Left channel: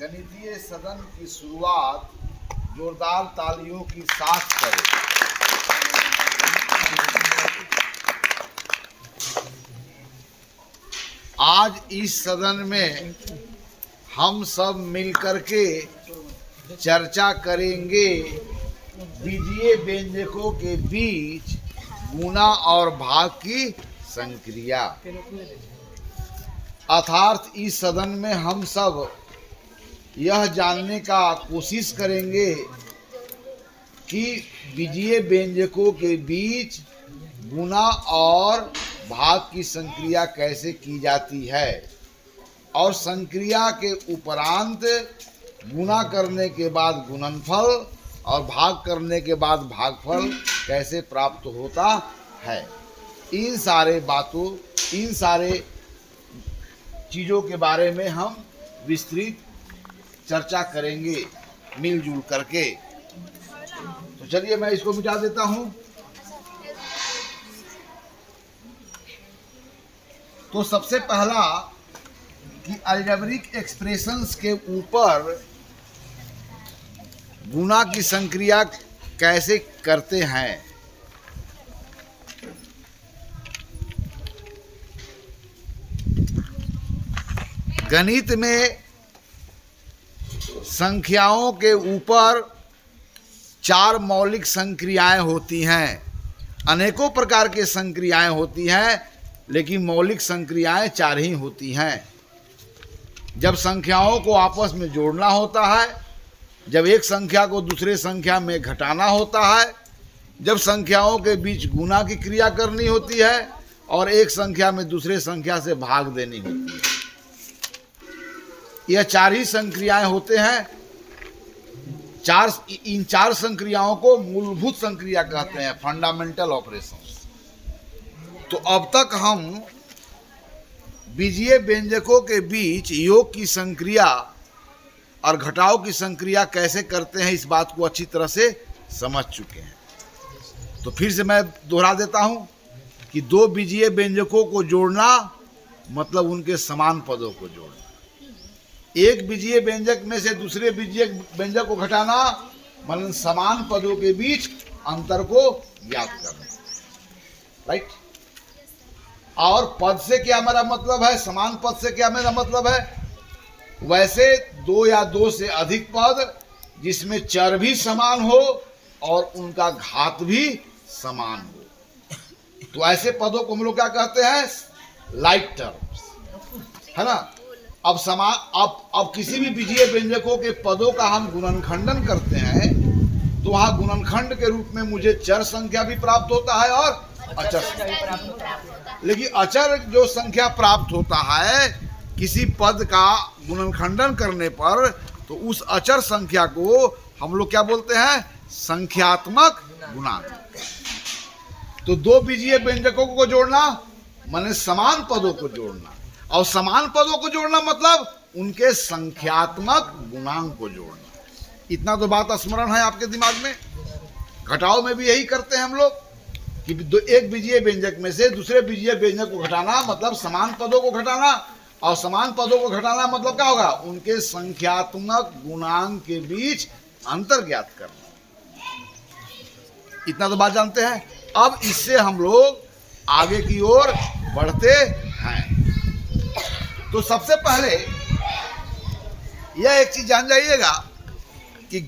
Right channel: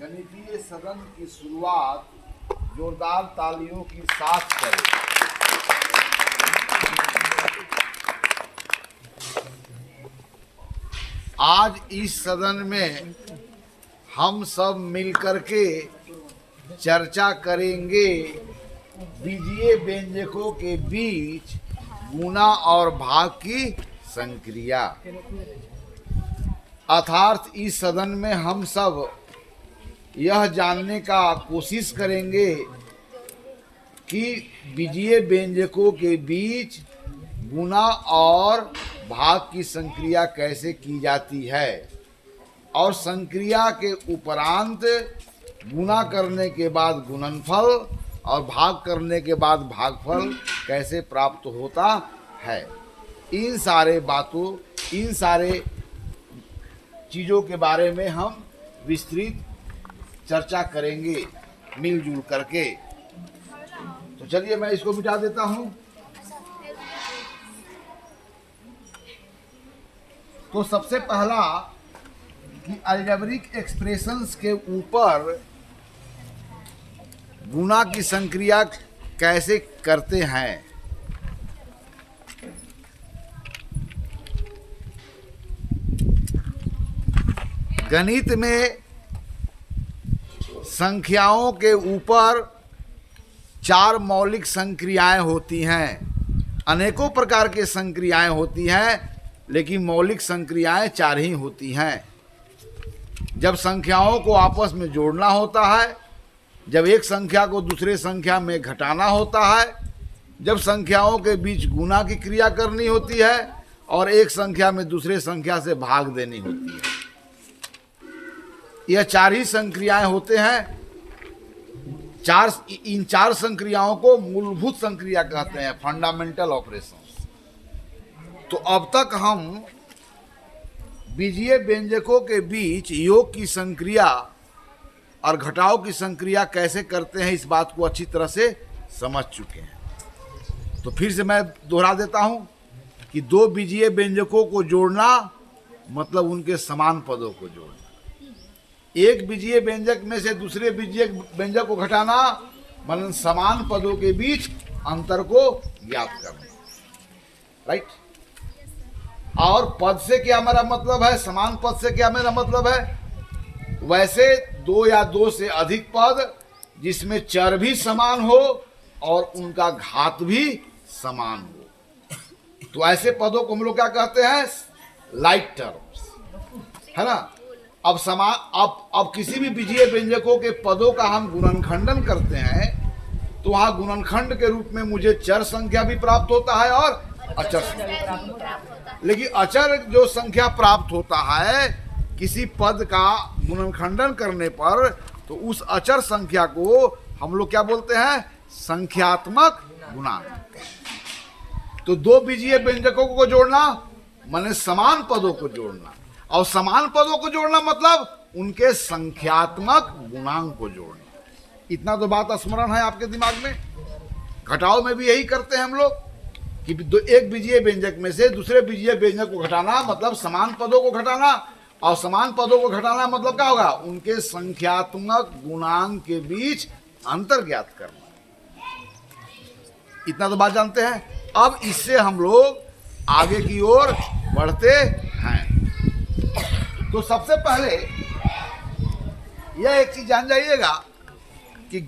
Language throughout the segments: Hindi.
गणितीय सदन की शुरुआत जोरदार तालियों की साथ करें। आज इस सदन में हम सब मिलकर के चर्चा करेंगे बीजीय व्यंजकों के बीच गुणा और भाग की संक्रिया। अर्थात इस सदन में हम सब यह जानने का कोशिश करेंगे कि बीजीय व्यंजकों के बीच गुणा और भाग की संक्रिया कैसे की जाती है और संक्रिया के उपरांत गुणा करने के बाद गुणनफल और भाग करने के बाद भागफल कैसे प्राप्त होता है। इन सारे चीज़ों के बारे में हम विस्तृत चर्चा करेंगे मिलजुल करके। तो चलिए मैं इसको मिटा देता हूं। तो सबसे पहला कि अलजेब्रिक एक्सप्रेशंस के ऊपर गुणा की संक्रिया कैसे करते हैं। गणित में संख्याओं के ऊपर 4 मौलिक संक्रियाएं होती हैं। अनेकों प्रकार के संक्रियाएं होती हैं, लेकिन मौलिक संक्रियाएं 4 ही होती हैं। जब संख्याओं को आपस में जोड़ना होता है, जब एक संख्या को दूसरे संख्या में घटाना होता है, जब संख्याओं के बीच गुणा की क्रिया करनी होती है और एक संख्या में दूसरे संख्या से भाग देनी होती है। यह 4 ही संक्रियाएं होते हैं। इन 4 संक्रियाओं को मूलभूत संक्रिया कहते हैं, फंडामेंटल ऑपरेशंस। तो अब तक हम बीजीय व्यंजकों के बीच योग की संक्रिया और घटाव की संक्रिया कैसे करते हैं, इस बात को अच्छी तरह से समझ चुके हैं। तो फिर से मैं दोहरा देता हूं कि 2 बीजीय व्यंजकों को जोड़ना मतलब उनके समान पदों को जोड़ना। एक बीजीय व्यंजक में से दूसरे बीजीय व्यंजक को घटाना मतलब समान पदों के बीच अंतर को ज्ञात करना। राइट। और पद से क्या मेरा मतलब है, समान पद से क्या मेरा मतलब है, वैसे 2 या 2 से अधिक पद जिसमें चर भी समान हो और उनका घात भी समान हो, तो ऐसे पदों को हम लोग क्या कहते हैं, लाइक टर्म्स, है ना। अब किसी भी बीजीय व्यंजकों के पदों का हम गुणनखंडन करते हैं तो वहां गुणनखंड के रूप में मुझे चर संख्या भी प्राप्त होता है और अचर संख्या। लेकिन अचर जो संख्या प्राप्त होता है किसी पद का गुणनखंडन करने पर, तो उस अचर संख्या को हम लोग क्या बोलते हैं, संख्यात्मक गुणांक। तो 2 बीजीय व्यंजकों को जोड़ना माने समान पदों को जोड़ना, और समान पदों को जोड़ना मतलब उनके संख्यात्मक गुणांक को जोड़ना। इतना तो बात स्मरण है आपके दिमाग में। घटाव में भी यही करते हैं हम लोग कि एक बीजीय व्यंजक में से दूसरे बीजीय व्यंजक को घटाना मतलब समान पदों को घटाना, और समान पदों को घटाना मतलब क्या होगा, उनके संख्यात्मक गुणांक के बीच अंतर ज्ञात करना। इतना तो बात जानते हैं। अब इससे हम लोग आगे की ओर बढ़ते हैं। तो सबसे पहले यह एक चीज जान जाइएगा कि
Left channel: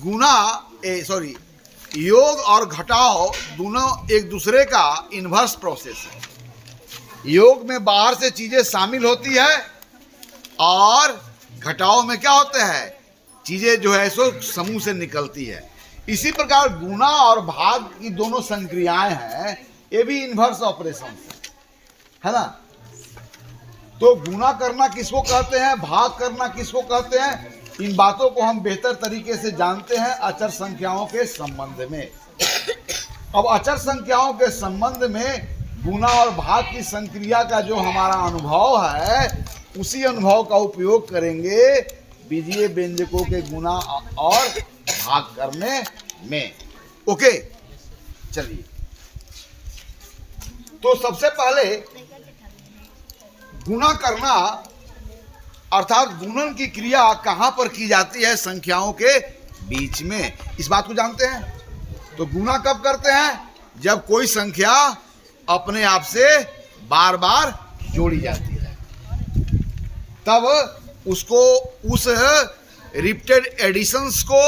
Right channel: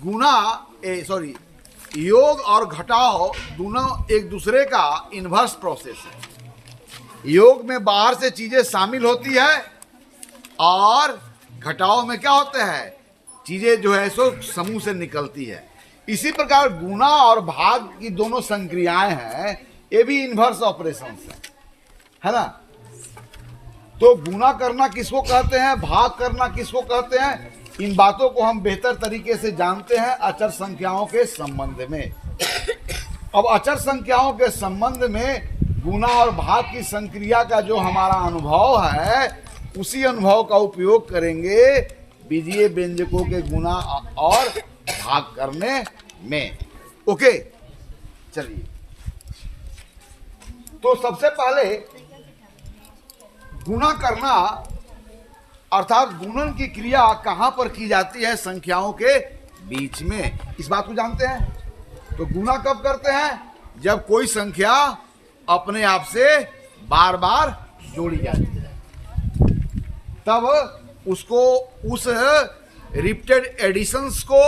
योग और घटाव दोनों एक दूसरे का इन्वर्स प्रोसेस है। योग में बाहर से चीजें शामिल होती है और घटाव में क्या होता है, चीजें जो है सो समूह से निकलती है। इसी प्रकार गुणा और भाग की दोनों संक्रियाएं हैं, ये भी इन्वर्स ऑपरेशन है ना। तो गुणा करना किसको कहते हैं, भाग करना किसको कहते हैं, इन बातों को हम बेहतर तरीके से जानते हैं अचर संख्याओं के संबंध में। अब अचर संख्याओं के संबंध में गुणा और भाग की संक्रिया का जो हमारा अनुभव है, उसी अनुभव का उपयोग करेंगे बीजीय व्यंजकों के गुणा और भाग करने में। ओके, चलिए। तो सबसे पहले गुणा करना अर्थात गुणन की क्रिया कहां पर की जाती है? संख्याओं के बीच में। इस बात को जानते हैं। तो गुणा कब करते हैं? जब कोई संख्या अपने आप से बार बार जोड़ी जाती है, तब उसको, उस रिपीटेड एडिशंस को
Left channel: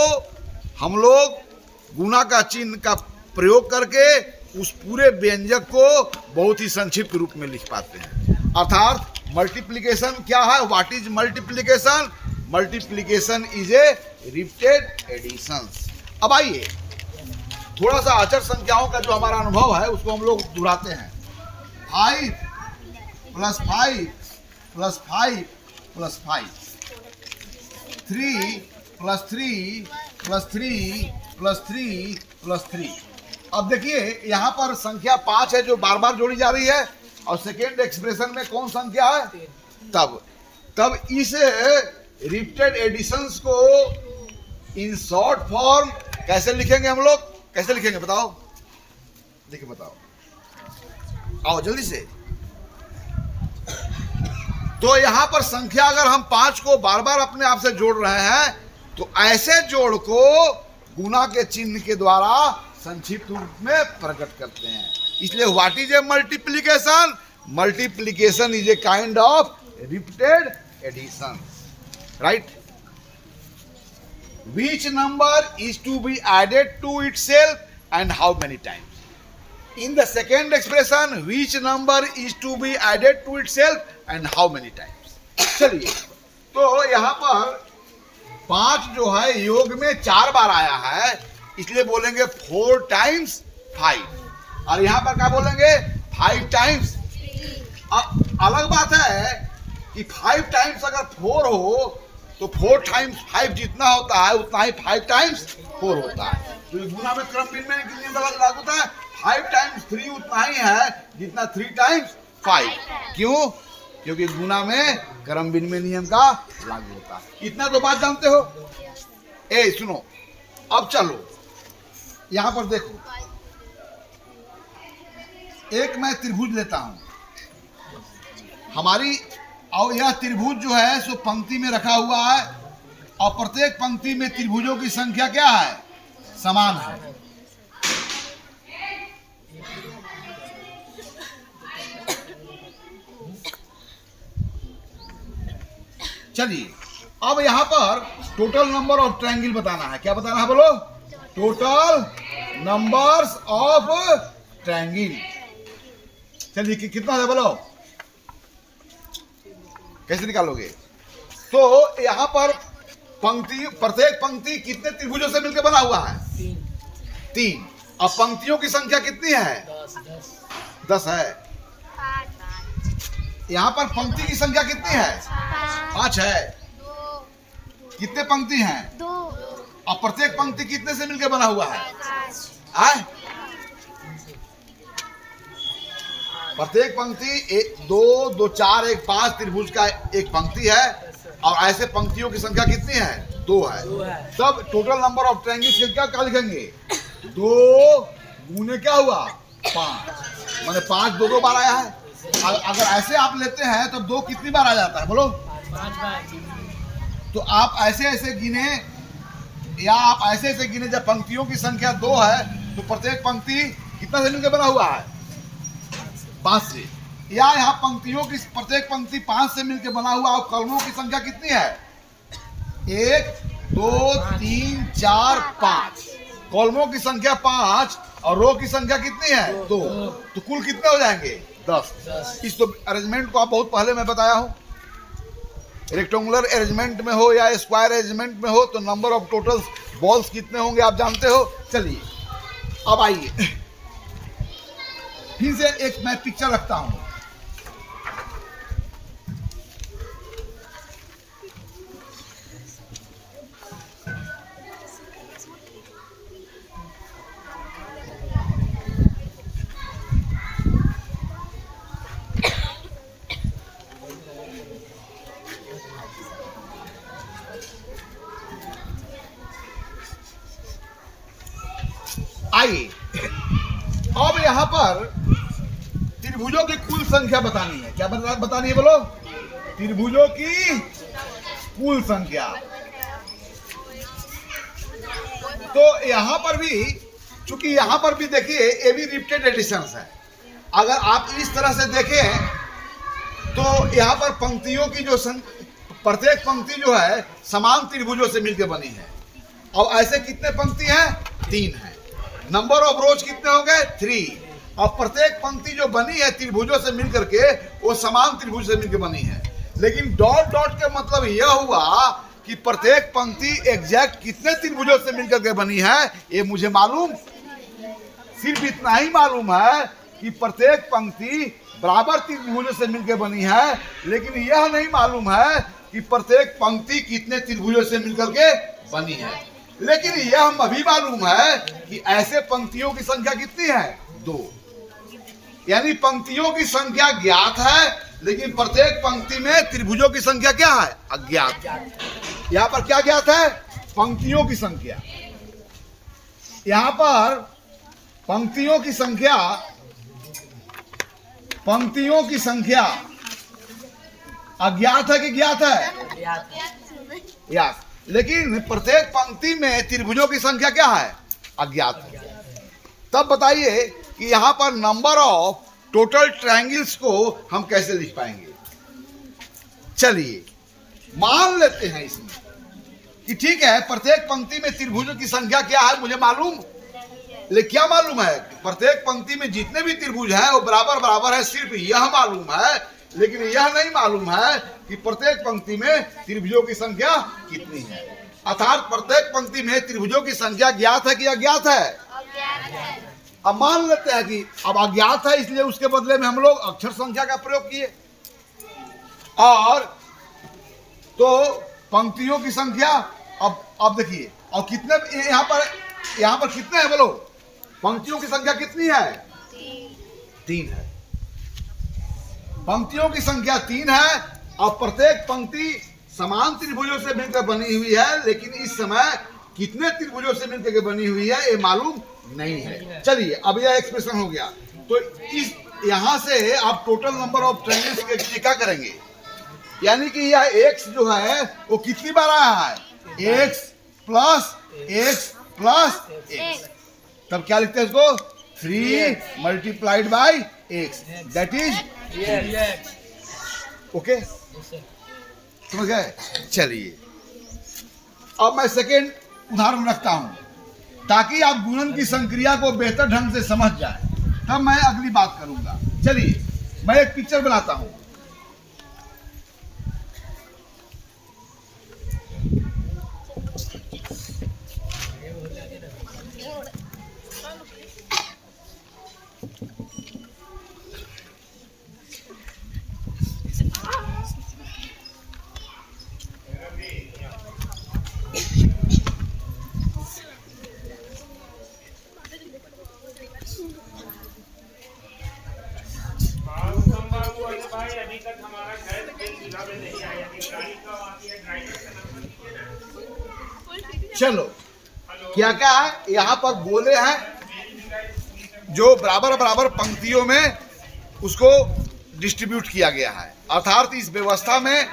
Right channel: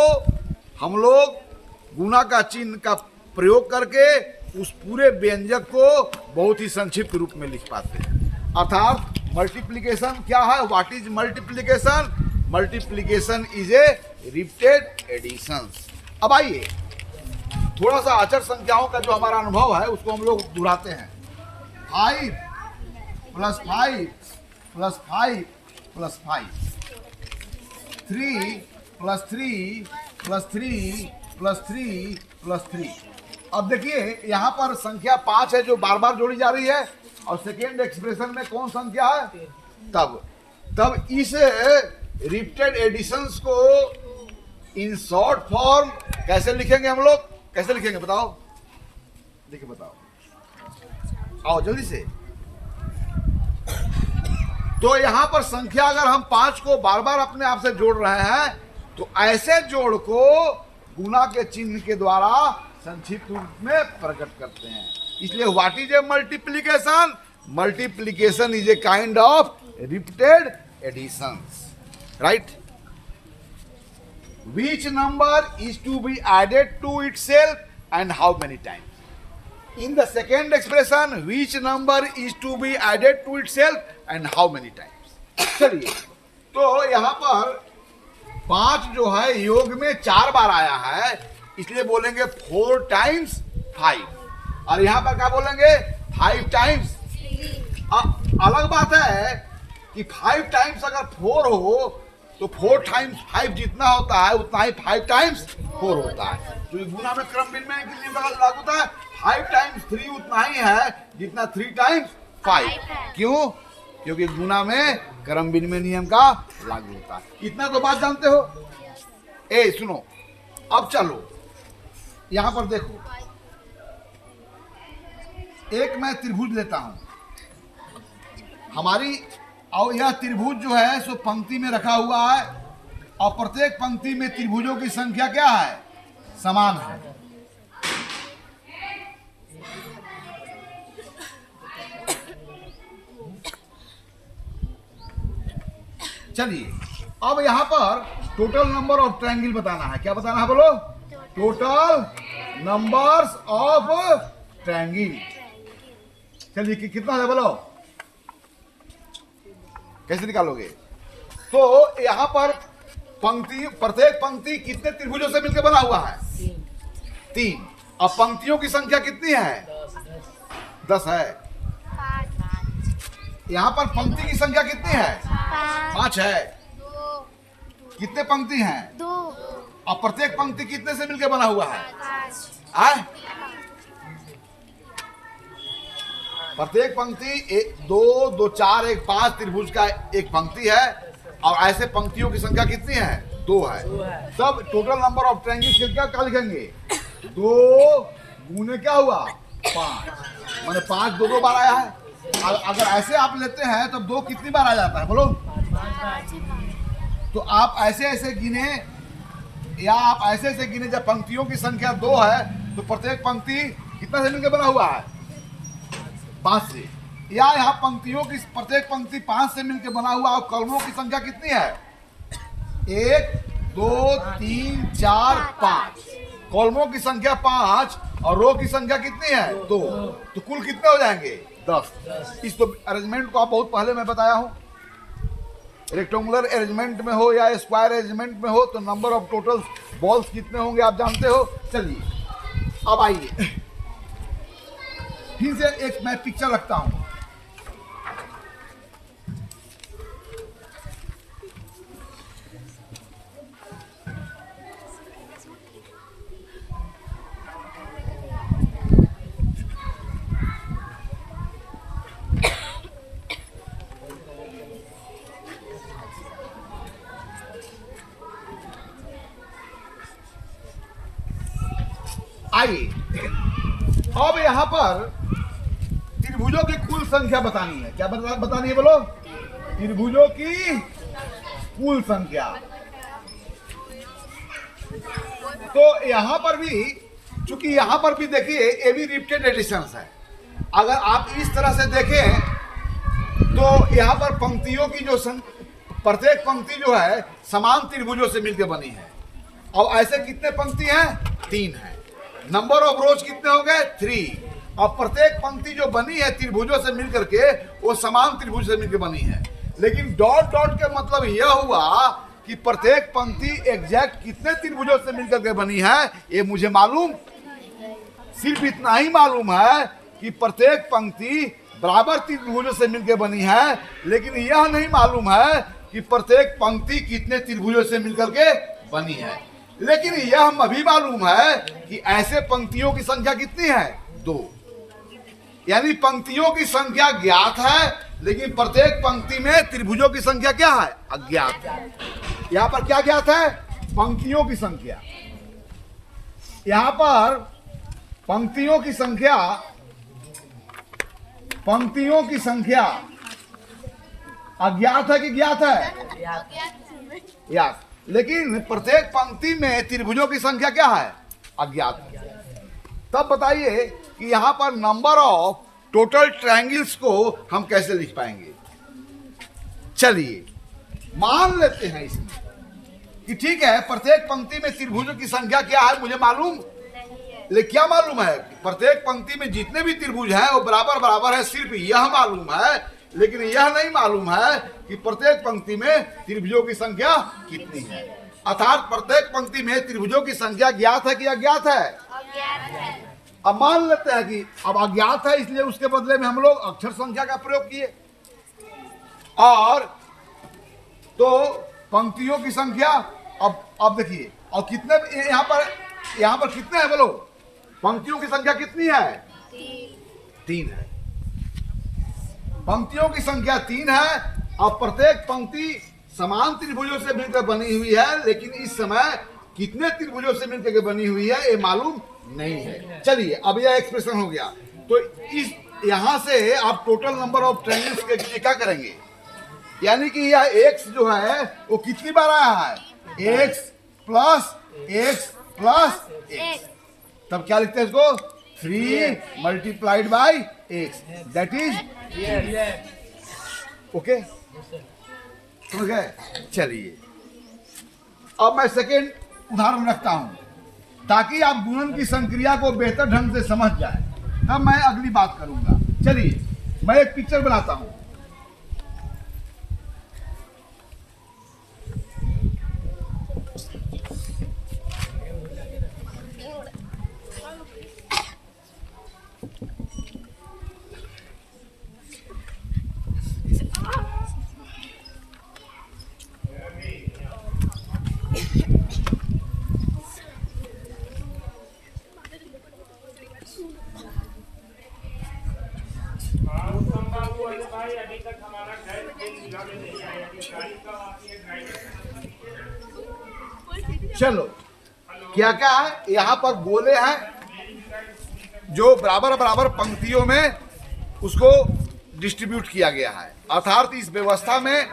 हम लोग गुणा का चिन्ह का प्रयोग करके उस पूरे व्यंजक को बहुत ही संक्षिप्त रूप में लिख पाते हैं। अर्थात मल्टीप्लिकेशन क्या है? What is multiplication? Multiplication is a repeated additions. अब आइए थोड़ा सा अचर संख्याओं का जो हमारा अनुभव है उसको हम लोग दोहराते हैं। 5 + 5 + 5 + 5, 3 + 3 + 3 + 3 + 3। अब देखिए यहाँ पर संख्या 5 है जो बार बार जोड़ी जा रही है, और सेकेंड एक्सप्रेशन में कौन संख्या है? तब इस रिपीटेड एडिशंस को इन शॉर्ट फॉर्म कैसे लिखेंगे हम लोग? कैसे लिखेंगे बताओ? देखिए बताओ, आओ जल्दी से। तो यहां पर संख्या अगर हम 5 को बार बार अपने आप से जोड़ रहे हैं तो ऐसे जोड़ को गुणा के चिन्ह के द्वारा संक्षिप्त रूप में प्रकट करते हैं। इसलिए what is a multiplication? Multiplication is a kind of repeated additions, right? Which number is to be added to itself and how many times? In the second expression, which number is to be added to itself and how many times? चलिए, तो यहाँ पर 5 जो है योग में 4 बार आया है, इसलिए बोलेंगे 4 टाइम्स 5। और यहाँ पर क्या बोलेंगे? 5 टाइम्स। अलग बात है कि 5 टाइम्स अगर 4 हो तो 4 टाइम्स 5 जितना होता है उतना ही 5 टाइम्स 4 होता है। तो गुणा में क्रम विनिमय के लिए लागू होता है। 5 टाइम्स 3 उतना ही है जितना 3 टाइम्स 5। क्यों? क्योंकि गुणा में क्रम विनिमय नियम का लागू होता है। इतना तो बात जानते हो। ए सुनो, अब चलो यहां पर देखो, एक मैं त्रिभुज लेता हूं हमारी, और यह त्रिभुज जो है सो पंक्ति में रखा हुआ है, और प्रत्येक पंक्ति में त्रिभुजों की संख्या क्या है? समान है। चलिए, अब यहां पर टोटल नंबर ऑफ ट्रायंगल बताना है। क्या बताना है बोलो? Total numbers of triangle. चलिए कितना है बोलो? कैसे निकालोगे? तो यहां पर पंक्ति, प्रत्येक पंक्ति कितने त्रिभुजों से मिलकर बना हुआ है? 3। अब पंक्तियों की संख्या कितनी है? 10 है। यहां पर पंक्ति की संख्या कितनी है? 5 है। कितने पंक्ति हैं? 2। अब प्रत्येक पंक्ति कितने से मिलकर बना हुआ है? 5। प्रत्येक पंक्ति 1 2 2 4 1 5 त्रिभुज का एक पंक्ति है, और ऐसे पंक्तियों की संख्या कितनी है? 2 है। तब टोटल नंबर ऑफ ट्रायंगल्स क्या लिखेंगे? 2 गुने क्या हुआ? 5। माने 5 2 बार आया है। अगर ऐसे आप लेते हैं तो 2 कितनी बार आ जाता है बोलो? तो आप ऐसे ऐसे गिने, या आप ऐसे ऐसे गिने, जब पंक्तियों की संख्या 2 है तो प्रत्येक पंक्ति कितना से मिलकर बना हुआ है? 5 से। या यहाँ पंक्तियों की प्रत्येक पंक्ति 5 से मिलकर बना हुआ, और कॉलमों की संख्या कितनी है? 1 2 3 4 5। कॉलमों की संख्या 5 और रो की संख्या कितनी है? 2। तो कुल कितने हो जाएंगे? 10। इस तो अरेंजमेंट को आप बहुत पहले मैं बताया हूं। रेक्टेंगुलर अरेंजमेंट में हो या स्क्वायर अरेंजमेंट में हो तो नंबर ऑफ टोटल बॉल्स कितने होंगे आप जानते हो। चलिए अब आइए फिर से एक मैं पिक्चर रखता हूं। आइए अब यहां पर त्रिभुजों की कुल संख्या बतानी है। क्या बतानी है बोलो? त्रिभुजों की कुल संख्या। तो यहां पर भी, चूंकि यहां पर भी देखिए ये भी रिपीटेड एडिशंस है। अगर आप इस तरह से देखें तो यहां पर पंक्तियों की जो प्रत्येक पंक्ति जो है समान त्रिभुजों से मिलकर बनी है। और ऐसे कितने पंक्ति हैं? 3 है। नंबर ऑफ रोज कितने हो गए? 3। और प्रत्येक पंक्ति जो बनी है त्रिभुजों से मिलकर के वो समान त्रिभुज से मिलकर बनी है। लेकिन डॉट डॉट का मतलब यह हुआ कि प्रत्येक पंक्ति एग्जैक्ट कितने त्रिभुजों से मिलकर के बनी है ये मुझे मालूम, सिर्फ इतना ही मालूम है कि प्रत्येक पंक्ति बराबर त्रिभुजों से मिलकर बनी है। लेकिन यह नहीं मालूम है कि प्रत्येक पंक्ति कितने त्रिभुजों से मिलकर के बनी है। लेकिन यह भी मालूम है कि ऐसे पंक्तियों की संख्या कितनी है? 2। यानी पंक्तियों की संख्या ज्ञात है लेकिन प्रत्येक पंक्ति में त्रिभुजों की संख्या क्या है? अज्ञात है। यहां पर क्या ज्ञात है? पंक्तियों की संख्या। यहां पर पंक्तियों की संख्या अज्ञात है कि ज्ञात है? ज्ञात। लेकिन प्रत्येक पंक्ति में त्रिभुजों की संख्या क्या है? अज्ञात है। तब बताइए कि यहां पर नंबर ऑफ टोटल ट्रायंगल्स को हम कैसे लिख पाएंगे? चलिए मान लेते हैं इसमें कि ठीक है प्रत्येक पंक्ति में त्रिभुजों की संख्या क्या है मुझे मालूम। लेकिन क्या मालूम है? प्रत्येक पंक्ति में जितने भी त्रिभुज हैं वो बराबर बराबर है, सिर्फ यह मालूम है। लेकिन यह नहीं मालूम है कि प्रत्येक पंक्ति में त्रिभुजों की संख्या कितनी है। अर्थात प्रत्येक पंक्ति में त्रिभुजों की संख्या ज्ञात है कि अज्ञात है? अब मान लेते हैं कि अब अज्ञात है, इसलिए उसके बदले में हम लोग अक्षर संख्या का प्रयोग किए। और तो पंक्तियों की संख्या अब देखिए, और कितने यहां पर कितने हैं बोलो? पंक्तियों की संख्या कितनी है? 3 है। पंक्तियों की संख्या 3 है और प्रत्येक पंक्ति समान त्रिभुजों से मिलकर बनी हुई है। लेकिन इस समय कितने त्रिभुजों से मिलकर बनी हुई है ये मालूम नहीं है। चलिए अब यह एक्सप्रेशन हो गया। तो इस यहां से आप टोटल नंबर ऑफ ट्रायंगल्स के लिए क्या करेंगे? यानी कि यह x जो है वो कितनी बार आया है? x plus x plus x। तब क्या लिखते हैं इसको? 3 multiplied by x, that is okay. ठीक है। चलिए अब मैं सेकेंड उदाहरण रखता हूं ताकि आप गुणन की संक्रिया को बेहतर ढंग से समझ जाए, तब मैं अगली बात करूंगा। चलिए मैं एक पिक्चर बनाता हूं। चलो क्या क्या है? यहां पर गोले हैं जो बराबर बराबर पंक्तियों में उसको डिस्ट्रीब्यूट किया गया है। अर्थात इस व्यवस्था में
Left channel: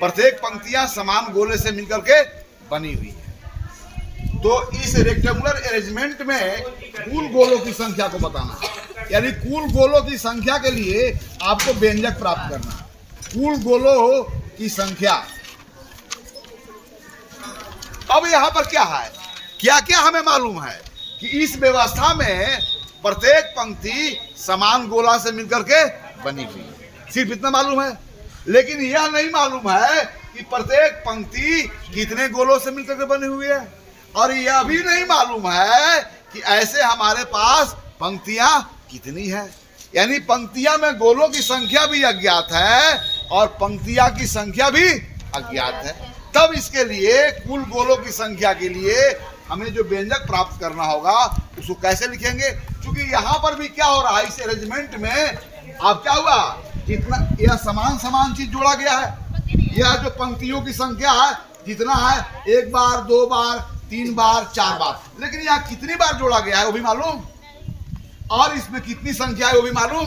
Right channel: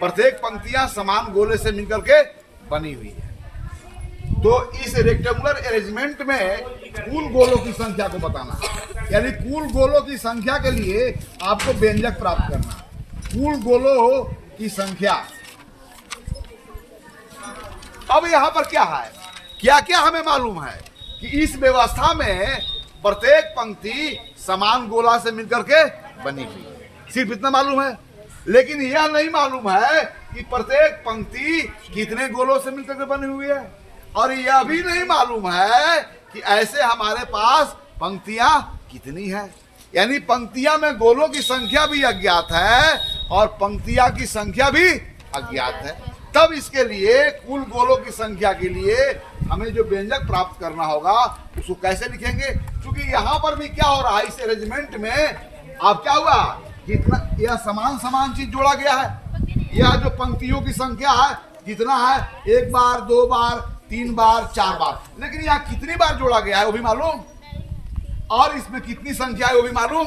प्रत्येक पंक्तियां समान गोले से मिलकर के बनी हुई है। तो इस रेक्टेंगुलर अरेंजमेंट में कुल गोलों की संख्या को बताना है। यानी कुल गोलों की संख्या के लिए आपको व्यंजक प्राप्त करना है। कुल गोलों की संख्या। अब यहां पर क्या है? क्या क्या हमें मालूम है कि इस व्यवस्था में प्रत्येक पंक्ति समान गोला से मिलकर के बनी हुई है, सिर्फ इतना मालूम है। लेकिन यह नहीं मालूम है कि प्रत्येक पंक्ति कितने गोलों से मिलकर के बनी हुई है। और यह भी नहीं मालूम है कि ऐसे हमारे पास पंक्तियां कितनी है। यानी पंक्तियां में गोलों की संख्या भी अज्ञात है और पंक्तियां की संख्या भी अज्ञात है। तब इसके लिए कुल गोलों की संख्या के लिए हमें जो व्यंजक प्राप्त करना होगा उसको कैसे लिखेंगे? क्योंकि यहाँ पर भी क्या हो रहा है, इस अरेंजमेंट में आप क्या हुआ, जितना यह समान चीज जोड़ा गया है। यह जो पंक्तियों की संख्या है जितना है 1 बार 2 बार 3 बार 4 बार, लेकिन यहाँ कितनी बार जोड़ा गया है वो भी मालूम, और इसमें कितनी संख्या है वो भी मालूम।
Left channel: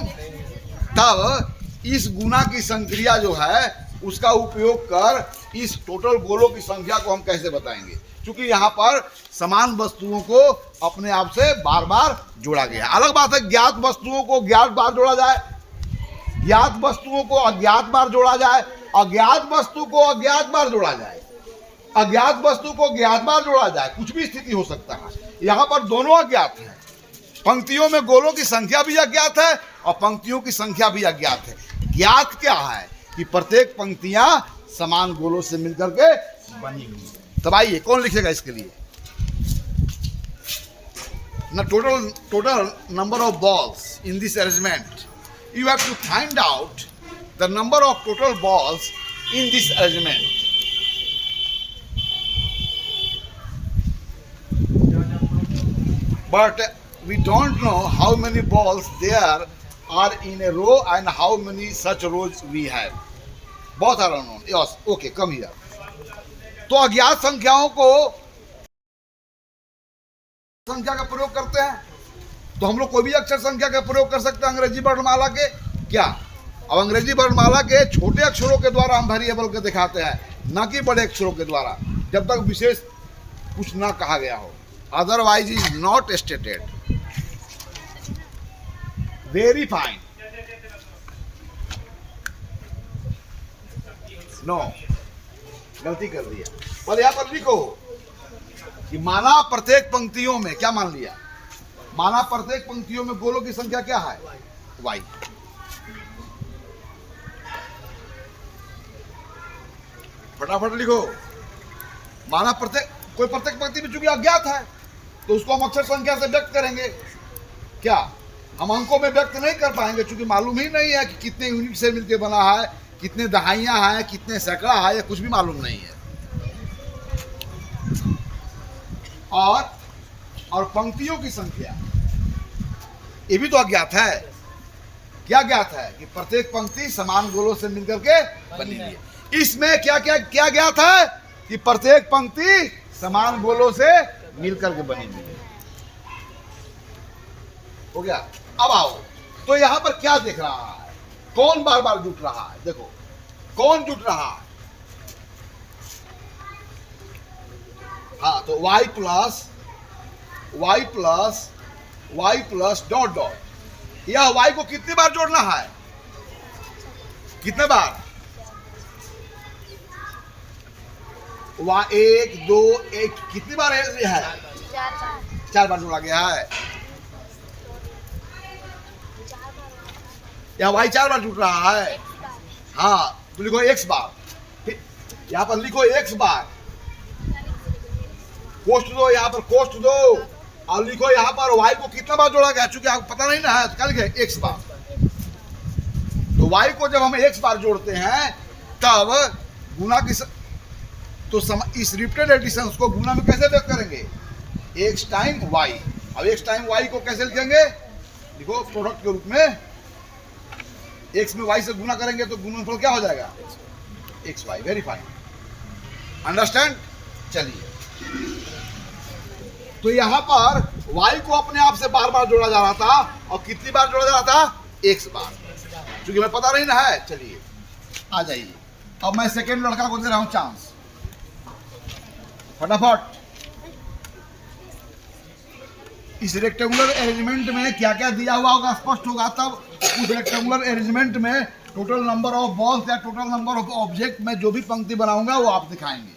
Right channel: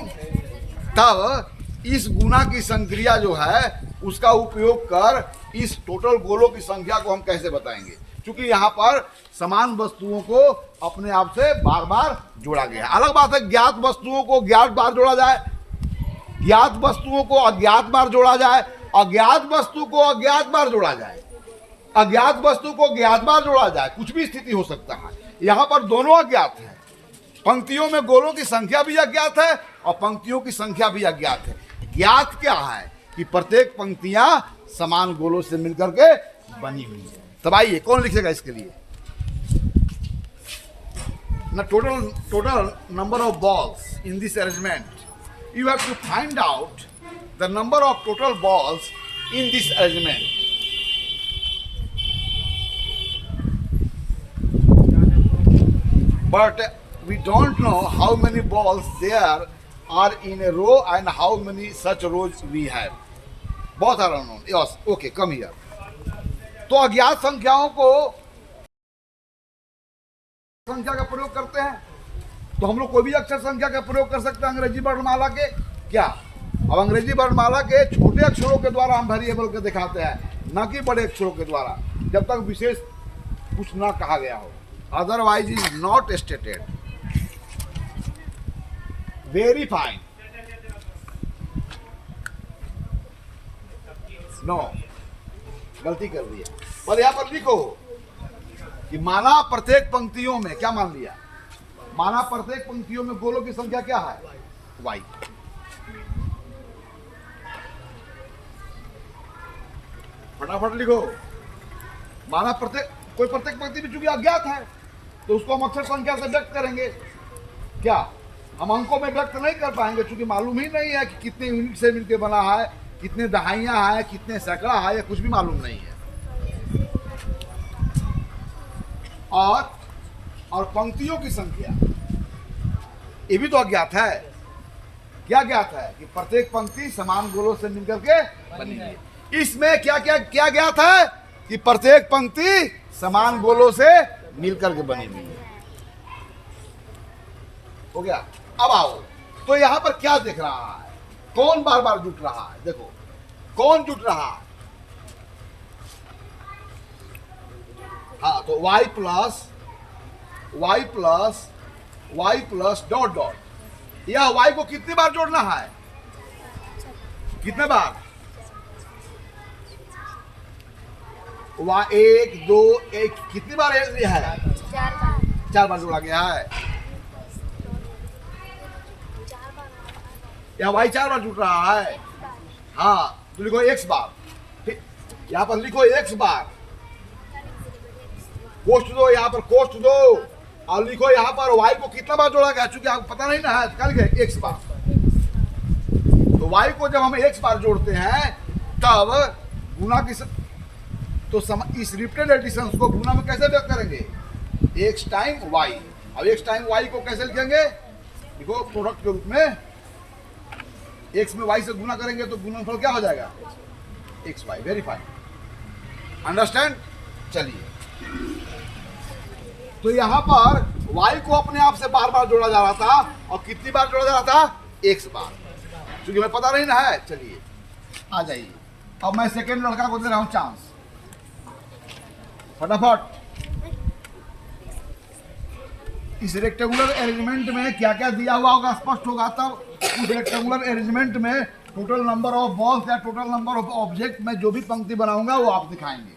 तब इस गुणा की संक्रिया जो है उसका उपयोग कर इस टोटल गोलों की संख्या को हम कैसे बताएंगे, क्योंकि यहाँ पर समान वस्तुओं को अपने आप से बार बार जोड़ा गया। अलग बात है ज्ञात वस्तुओं को ज्ञात बार जोड़ा जाए, ज्ञात वस्तुओं को अज्ञात बार जोड़ा जाए, अज्ञात वस्तु को अज्ञात बार जोड़ा जाए, अज्ञात वस्तु को ज्ञात बार जोड़ा जाए, कुछ भी स्थिति हो सकता है। यहाँ पर दोनों अज्ञात है। पंक्तियों में गोलों की संख्या भी अज्ञात है और पंक्तियों की संख्या भी अज्ञात है। ज्ञात क्या है कि प्रत्येक पंक्तियां समान गोलों से मिलकर के बनी हुई है। तब आइए कौन लिखेगा इसके लिए ना, total number of balls in this arrangement, you have to find out the number of total balls in this arrangement. But we don't know how many balls there are in a row and how many such rows we have. Both are unknown. Yes, okay, come here. तो अज्ञात संख्याओं को संख्या का प्रयोग करते हैं, तो हम लोग कोई भी अक्षर संख्या का प्रयोग कर सकते हैं अंग्रेजी वर्णमाला के। क्या अब अंग्रेजी वर्णमाला के छोटे अक्षरों के द्वारा हम वेरिएबल के दिखाते हैं, ना कि बड़े अक्षरों के द्वारा, जब तक विशेष कुछ ना कहा गया हो। Otherwise is not stated. Very fine. No, गलती कर दिया। पर यहाँ पर लिखो कि माना प्रत्येक पंक्तियों में, क्या मान लिया, माना प्रत्येक पंक्तियों में गोलों की संख्या क्या है, y। फटाफट लिखो। माना कोई प्रत्येक पंक्ति में चूंकि अज्ञात है तो उसको हम अक्षर संख्या से व्यक्त करेंगे। क्या हम अंकों में व्यक्त नहीं कर पाएंगे, चूंकि मालूम ही नहीं है कि कितने यूनिट से मिलकर बना है, कितने दहाइयां हैं, कितने सैकड़ा है, या कुछ भी मालूम नहीं है। और पंक्तियों की संख्या ये भी तो अज्ञात है। क्या ज्ञात है कि प्रत्येक पंक्ति समान गोलों से मिलकर के बनी हुई है। इसमें क्या क्या क्या ज्ञात है कि प्रत्येक पंक्ति समान गोलों से मिलकर के बनी हुई है। हो गया। अब आओ, तो यहां पर क्या दिख रहा है, कौन बार बार जुट रहा है, देखो कौन जुट रहा है। हाँ, तो y प्लस डॉट डॉट, यह y को कितनी बार जोड़ना है, कितने बार, एक दो एक, कितनी बार है, 4 बार जोड़ा गया है। यह y 4 बार जुट रहा है। हाँ, तो लिखो x बार, यहां पर लिखो x बार, कोष्ट दो, यहां पर कोष्ट दो, और लिखो यहां पर y को कितना बार जोड़ा गया, चूंकि आपको पता नहीं ना है, कल गए x बार। तो y को जब हम x बार जोड़ते हैं तब गुना की तो इस रिपीटेड एडिशन को गुना में कैसे व्यक्त करेंगे, x टाइम y। अब x टाइम y को कैसे लिखेंगे, देखो प्रोडक्ट के रूप में, x में y से गुना करेंगे तो गुणनफल क्या हो जाएगा, xy। Very fine, understand. चलिए, तो यहां पर y को अपने आप से बार बार जोड़ा जा रहा था, और कितनी बार जोड़ा जा रहा था, x बार, क्योंकि हमें पता नहीं ना है। चलिए आ जाइए, अब मैं सेकेंड लड़का को दे रहा हूं चांस, फटाफट। इस रेक्टेंगुलर अरेंजमेंट में क्या क्या दिया हुआ होगा स्पष्ट होगा, तब उस रेक्टेंगुलर अरेंजमेंट में टोटल नंबर ऑफ बॉल्स या टोटल नंबर ऑफ ऑब्जेक्ट में जो भी पंक्ति बनाऊंगा वो आप दिखाएंगे।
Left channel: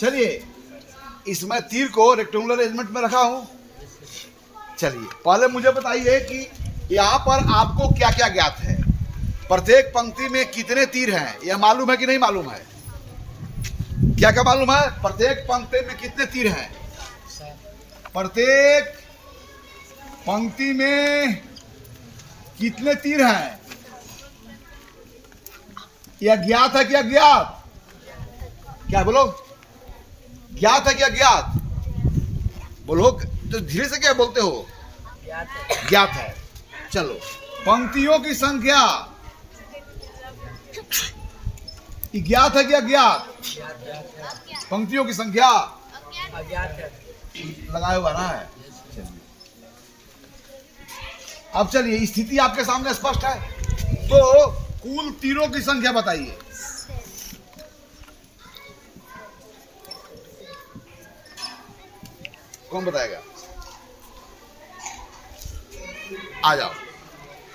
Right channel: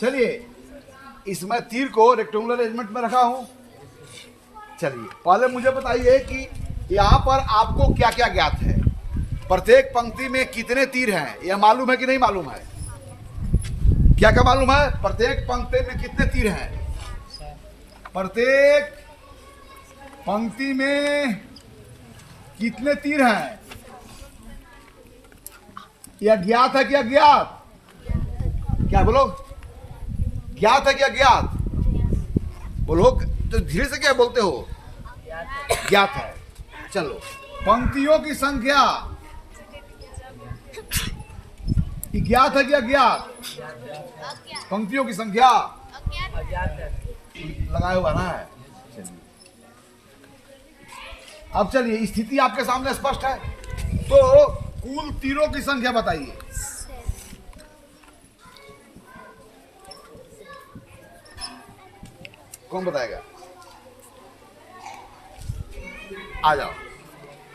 चलिए, इसमें तीर को रेक्टेंगुलर अरेंजमेंट में रखा हूं। चलिए पहले मुझे बताइए कि यहां पर आपको क्या क्या ज्ञात है, प्रत्येक पंक्ति में कितने तीर हैं, यह मालूम है कि नहीं मालूम है, क्या क्या मालूम है, प्रत्येक पंक्ति में कितने तीर हैं, प्रत्येक पंक्ति में कितने तीर हैं? यह ज्ञात है कि अज्ञात? क्या बोलो, ज्ञात है कि अज्ञात? बोलो तो धीरे से, क्या बोलते हो? ज्ञात है। चलो, पंक्तियों की संख्या ज्ञात है कि अज्ञात? पंक्तियों की संख्या लगाए हुआ ना है। चलिए, अब चलिए, स्थिति आपके सामने स्पष्ट है। तो कुल तीरों की संख्या बताइए। कौन बताएगा? आ जाओ।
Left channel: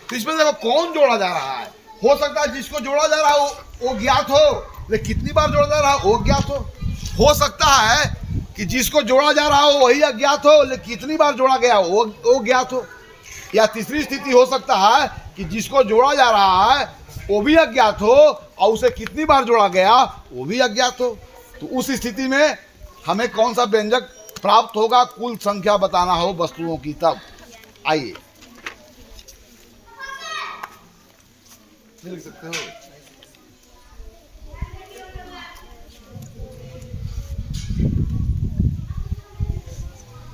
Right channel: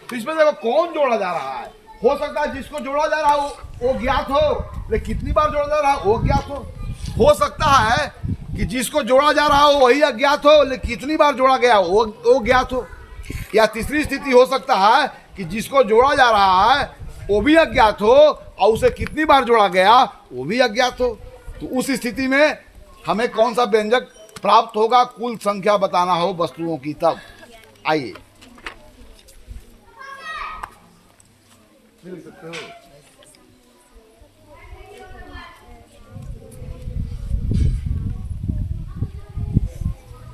तो इसमें देखो कौन जोड़ा जा रहा है। हो सकता है जिसको जोड़ा जा रहा हो वो ज्ञात हो, लेकिन कितनी बार जोड़ा जा रहा है वो ज्ञात हो सकता है कि जिसको जोड़ा जा रहा हो वही अज्ञात हो, लेकिन कितनी बार जोड़ा गया हो वो ज्ञात हो। या तीसरी स्थिति हो सकता है कि जिसको जोड़ा जा रहा है वो भी अज्ञात हो और उसे कितनी बार जोड़ा गया वो भी अज्ञात हो। तो उस स्थिति में हमें कौन सा व्यंजक प्राप्त होगा? कुल संख्या बताना हो वस्तुओं की। तब आइए, लिख सकते हो।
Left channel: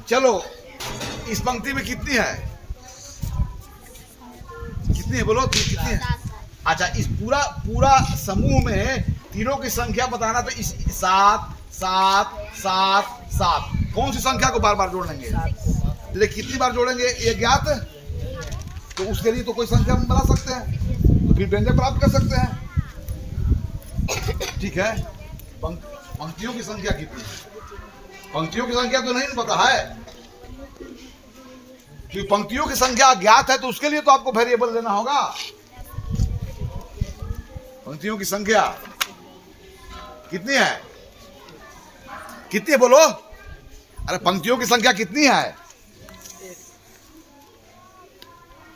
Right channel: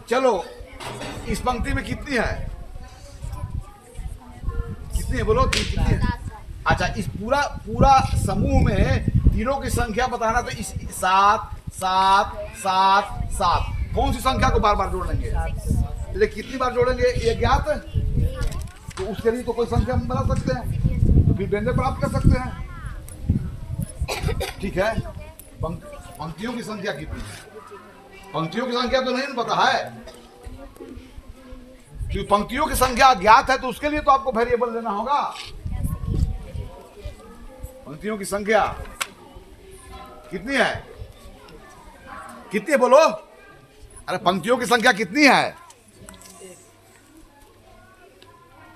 चलो, इस पंक्ति में कितनी है? कितनी है बोलो, कितनी है? अच्छा, इस पूरा समूह में तीरों की संख्या बताना। तो इस 7 7 7 7 कौन सी संख्या को बार बार जोड़ेंगे? लेकिन कितनी बार जोड़ेंगे ये ज्ञात है। तो उसके लिए तो कोई संख्या हम बना सकते हैं, तो फिर व्यंजक प्राप्त कर सकते हैं। ठीक है, पंक्तियों की संख्या कितनी है? पंक्तियों की संख्या तो नहीं पता है, क्योंकि पंक्तियों की संख्या ज्ञात है। तो उसके लिए तो आपको वेरिएबल लेना होगा। पंक्तियों की संख्या कितनी है? कितनी है बोलो? अरे पंक्तियों की संख्या कितनी है?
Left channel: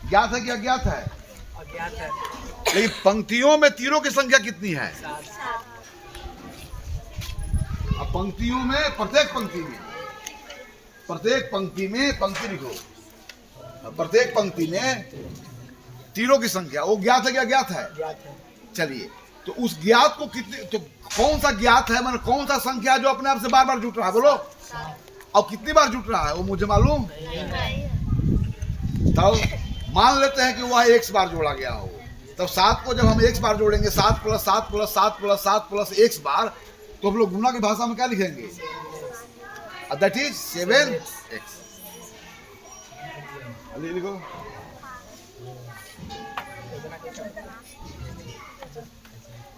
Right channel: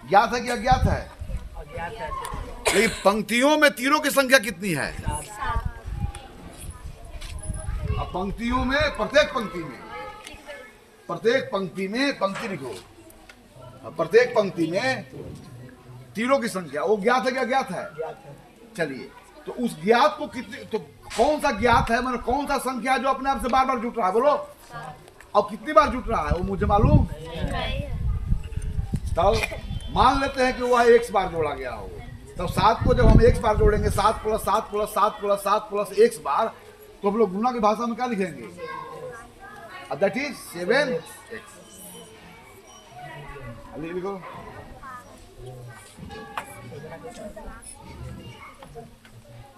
ज्ञात है कि अज्ञात है? अज्ञात है। लेकिन पंक्तियों में तीरों की संख्या कितनी है? अब पंक्तियों में, प्रत्येक पंक्ति में पंक्ति लिखो। प्रत्येक पंक्ति में तीरों की संख्या वो ज्ञात है कि अज्ञात है? चलिए, तो उस ज्ञात को कितनी, तो कौन सा ज्ञात है, मतलब कौन सा संख्या जो अपने आप से बार बार जुट रहा है? बोलो। और कितनी बार जुट रहा है वो मुझे मालूम। तब मान लेते हैं कि वह x बार जोड़ा गया हो। तब 7 को जब हम x बार जोड़ेंगे, 7 + 7 + 7 + 7 + x बार, तो हम लोग गुणा की भाषा में क्या लिखेंगे? That is 7x। लिखो।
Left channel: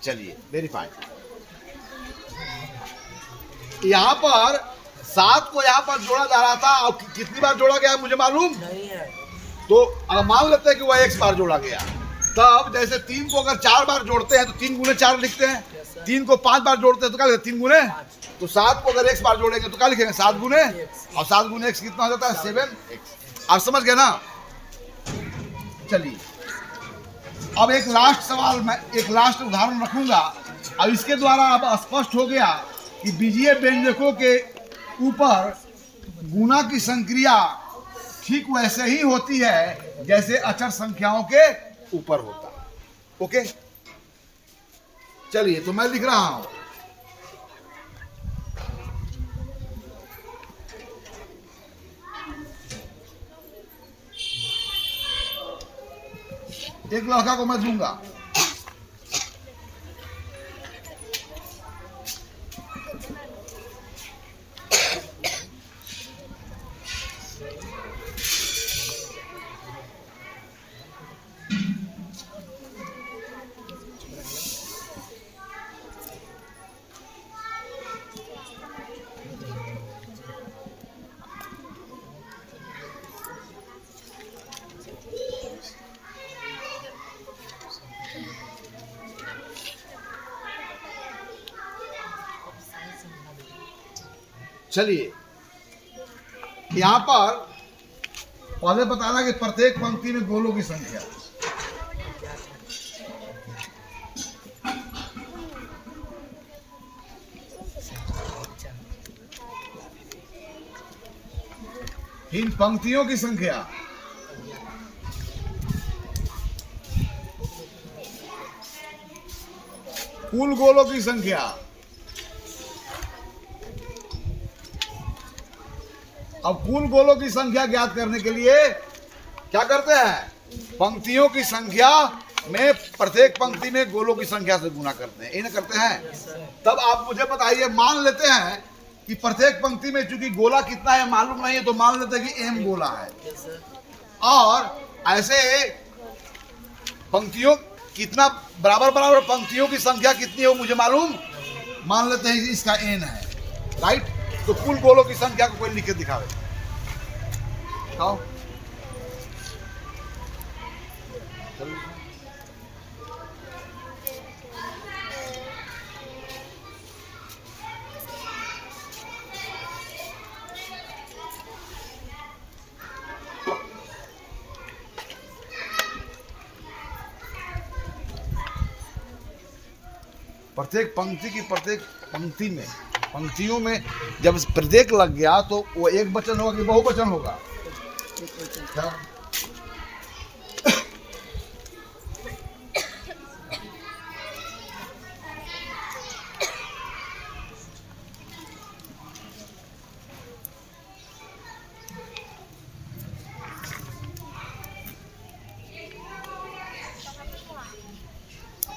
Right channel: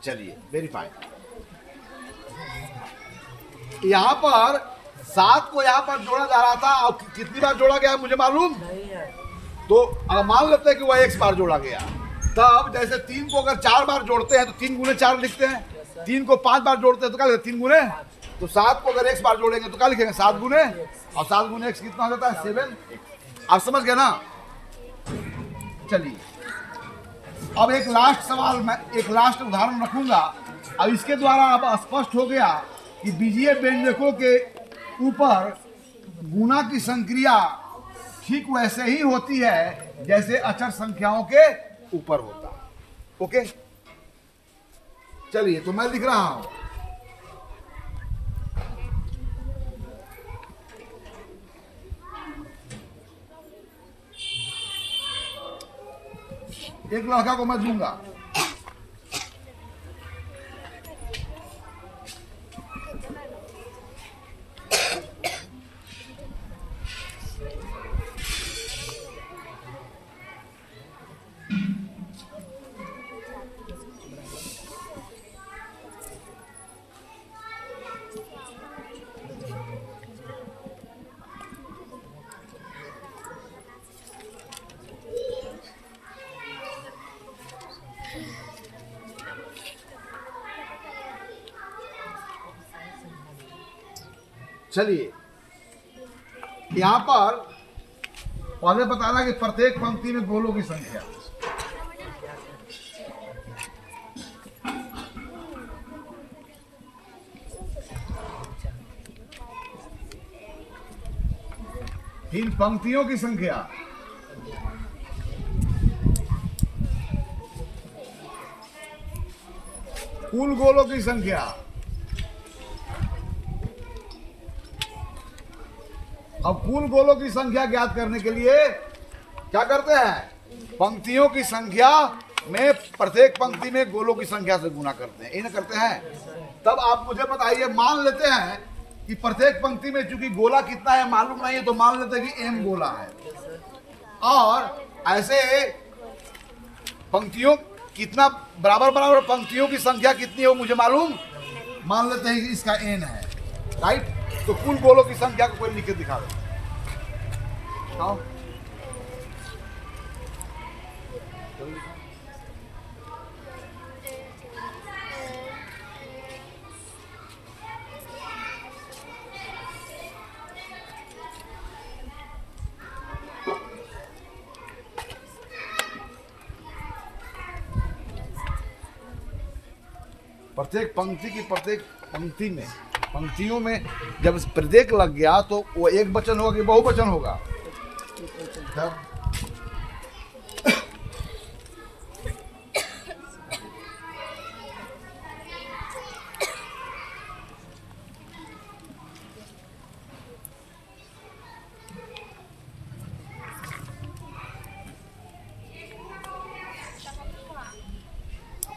चलिए, वेरीफाई। यहाँ पर 7 को यहाँ पर जोड़ा जा रहा था, और कितनी बार जोड़ा गया मुझे मालूम नहीं है। तो अगर मान लेते हैं कि वह x बार जोड़ा गया, तब जैसे 3 को अगर 4 बार जोड़ते हैं तो 3 × 4 लिखते हैं। 3 को 5 बार जोड़ते हैं तो क्या लिखते हैं? 3 × तो 7 को अगर x बार जोड़ेंगे तो क्या लिखेंगे? 7 × और 7 × x कितना हो जाता है? 7x। आप समझ गए ना? चलिए, अब एक लास्ट सवाल, मैं एक लास्ट उदाहरण रखूंगा। अब इसके द्वारा अब स्पष्ट हो गया कि बीजीय व्यंजकों के ऊपर गुणा की संक्रिया ठीक वैसे ही होती है जैसे अचर संख्याओं के ऊपर होता। ओके, चलिए, तो मैं लिख रहा हूं। एक लड़का को मैं दूंगा, चलिए, यहां पर पहले बताना कि प्रत्येक पंक्ति में गोलों की संख्या। इन पंक्तियों की संख्या कुल गोलों की संख्या। अब कुल गोलों की संख्या ज्ञात करने के लिए क्या करते हैं? पंक्तियों की संख्या में प्रत्येक पंक्ति में गोलों की संख्या से गुना करते हैं। इन्हें करते हैं। तब आप मुझे बताइए, मान लेते हैं कि प्रत्येक पंक्ति में चूंकि गोला कितना है मालूम नहीं है, तो मान लेते हैं कि m गोला है, और ऐसे पंक्तियों कितना बराबर बराबर पंक्तियों की संख्या कितनी है मुझे मालूम, मान लेते हैं कि इसका n है, राइट। तो कुल गोलों की संख्या को कोई लिख के दिखावे, बताओ। प्रत्येक पंक्ति की प्रत्येक पंक्ति में पंक्तियों में जब प्रत्येक लग गया तो वो एक वचन होगा कि बहुवचन होगा?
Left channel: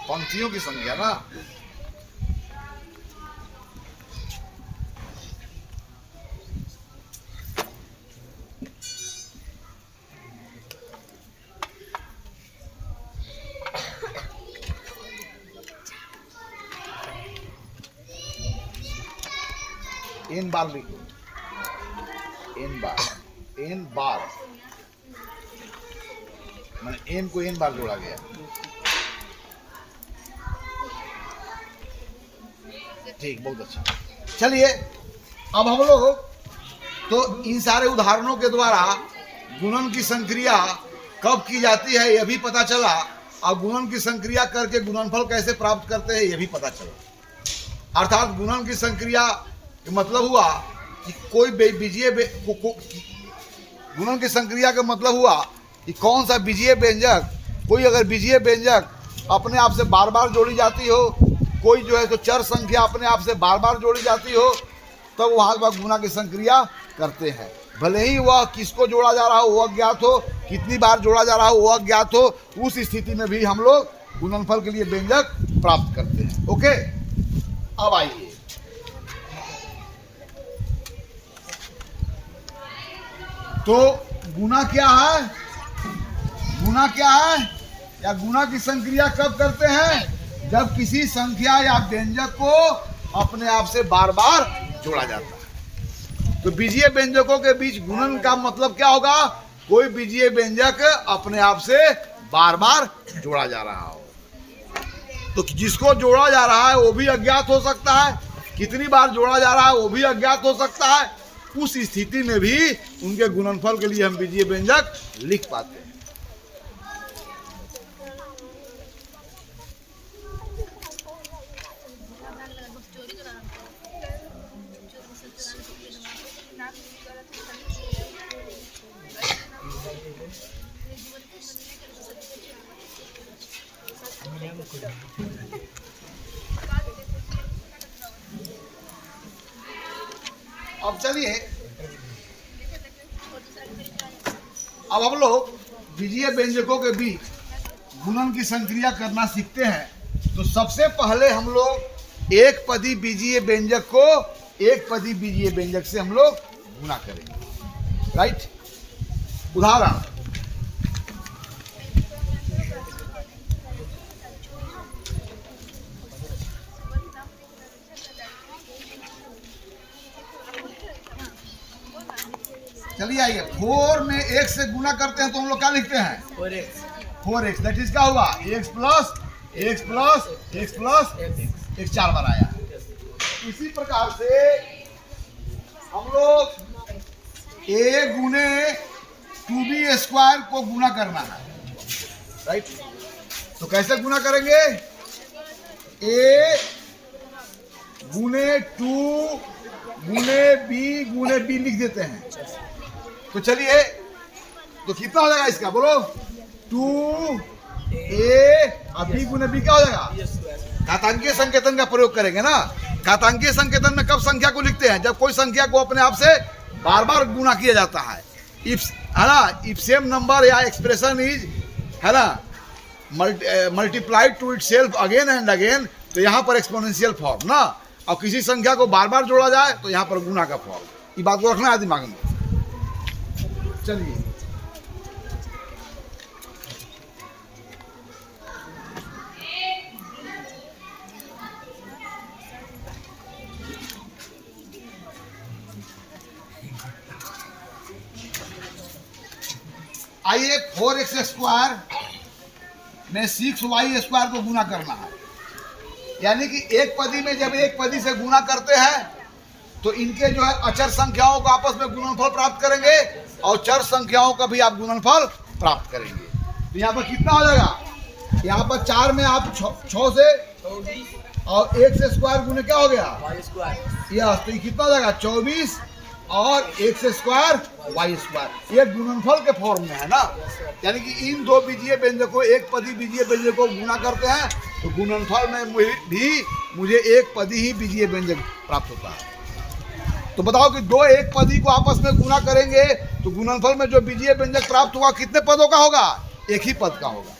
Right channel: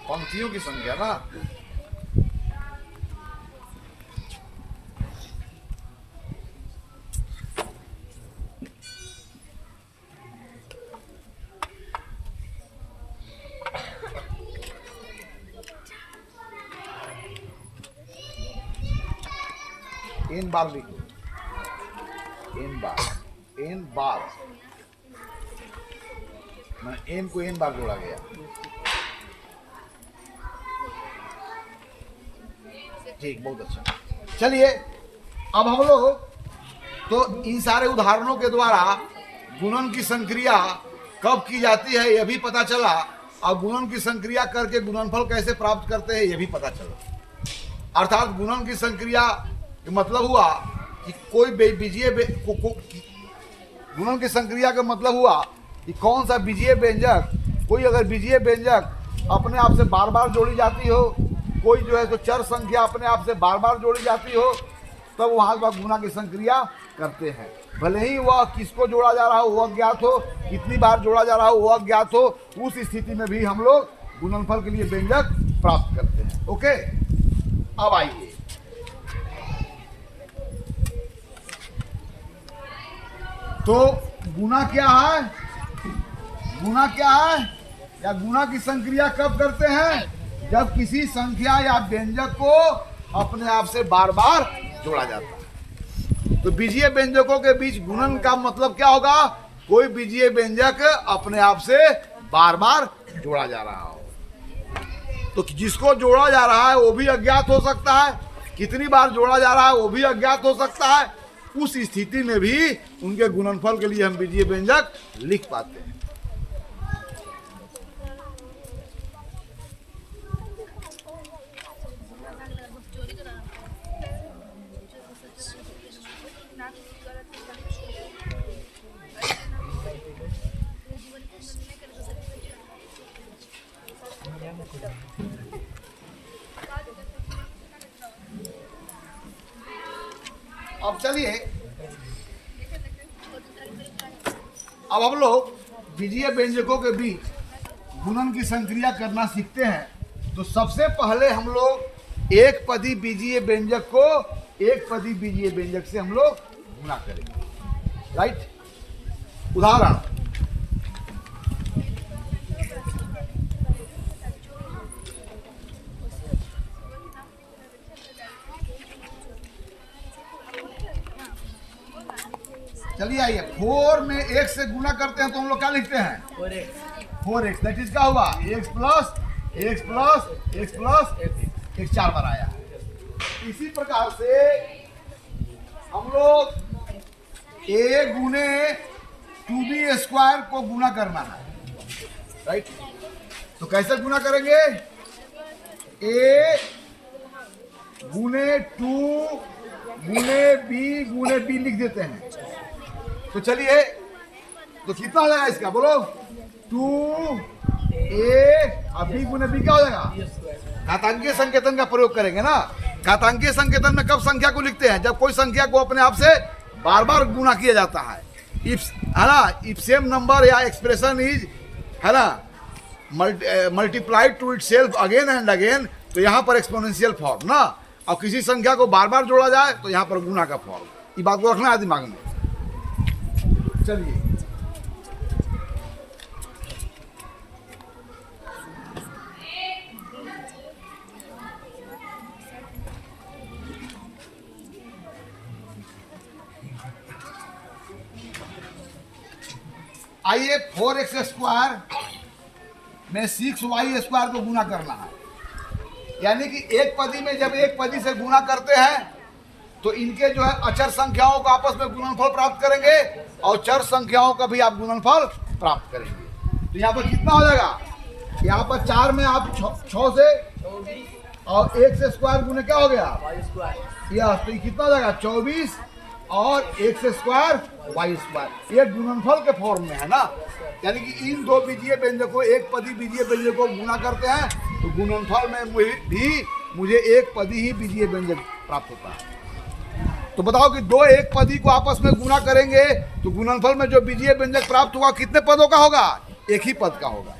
पंक्तियों की संख्या ना, एन बार लिखो, एन बार मैंने एन को एन बार जोड़ा गया। ठीक, बहुत अच्छा। चलिए अब हम लोग तो इन सारे उदाहरणों के द्वारा गुणन की संक्रिया कब की जाती है यह भी पता चला, और गुणन की संक्रिया करके गुणनफल कैसे प्राप्त करते हैं यह भी पता चला। अर्थात गुणन की संक्रिया मतलब हुआ कि कोई बीजीय गुणन की संक्रिया का मतलब हुआ कि कौन सा बीजीय व्यंजक, कोई अगर बीजीय व्यंजक अपने आप से बार बार जोड़ी जाती हो, कोई जो है तो चर संख्या अपने आप से बार बार जोड़ी जाती हो, तब तो वहाँ पर गुणा की संक्रिया करते हैं। भले ही वह किसको जोड़ा जा रहा हो वह अज्ञात हो, कितनी बार जोड़ा जा रहा हो वह अज्ञात हो, उस स्थिति में भी हम लोग गुणनफल के लिए व्यंजक प्राप्त करते हैं। ओके, अब आइए तो गुणा क्या है, गुणा क्या है या गुणा की संक्रिया कब करते हैं? जब किसी संख्या या व्यंजक को अपने आप से बार बार जोड़ा जाता है। तो बीजीय व्यंजकों के बीच गुणन का मतलब क्या होगा? कोई बीजीय व्यंजक अपने आप से बार बार जोड़ा जा रहा हो। तो जिसको जोड़ा जा रहा है वो भी अज्ञात हो सकता है, कितनी बार जोड़ा जा रहा है वो भी अज्ञात हो सकता है। उस स्थिति में भी उनके गुणनफल के लिए हम बीजीय व्यंजक लिख पाते हैं। अब चलिए अब हम लोग बीजीय व्यंजकों के बीच गुणन की संक्रिया करना सीखते हैं। तो सबसे पहले हम लोग एक पदी बीजीय व्यंजक को एक पदी बीजीय व्यंजक से हम लोग गुणा करेंगे, राइट। उदाहरण, चलिए आइए, 4 में x से गुणा करते हैं तो हम लोग क्या लिखते हैं? 4x। दैट इज क्या हुआ? x plus x plus x plus x 4 बार आया। इसी प्रकार से हम लोग a गुने 2b स्क्वायर को गुणा करना है, राइट। तो कैसे गुणा करेंगे? a गुने 2 गुने b लिख देते हैं। तो चलिए, तो कितना हो जाएगा इसका? बोलो, 2a और b गुने b क्या हो जाएगा? घातांकीय संकेतन का प्रयोग करेंगे ना। घातांकीय संकेतन में कब संख्या को लिखते हैं? जब कोई संख्या को अपने आप से बार बार गुणा किया जाता है। इफ, है ना, इफ सेम नंबर या एक्सप्रेशन इज, है ना, multiplied to itself again and again, तो यहाँ पर एक्सपोनेंशियल फॉर्म ना। और किसी संख्या को बार बार जोड़ा जाए तो यहाँ पर गुणा का फॉर्म। ये बात को रखना है दिमाग में। चलिए, आइए 4x² में 6y² को गुना करना है। यानी कि एक पदी में जब एक पदी से गुना करते हैं तो इनके जो है अचर संख्याओं का आपस में गुणनफल प्राप्त करेंगे और चर संख्याओं का भी आप गुणनफल प्राप्त करेंगे। तो यहाँ पर कितना हो जाएगा? यहाँ पर 4 में आप 6 से और 1 से स्क्वायर गुने क्या हो गया? यस, तो ये कितना हो जाएगा? 24 और 1 से स्क्वायर y²। ये गुणनफल के फॉर्म में है ना। यानी कि इन दो बीजीय व्यंजकों, एक पदी बीजीय व्यंजक को गुना करते हैं तो गुणनफल में भी मुझे एक पदी ही बीजीय व्यंजक प्राप्त होता है। तो बताओ कि दो एक पदी को आपस में गुना करेंगे तो गुणनफल में जो बीजीय व्यंजक प्राप्त होगा कितने पदों का होगा? एक ही पद का होगा।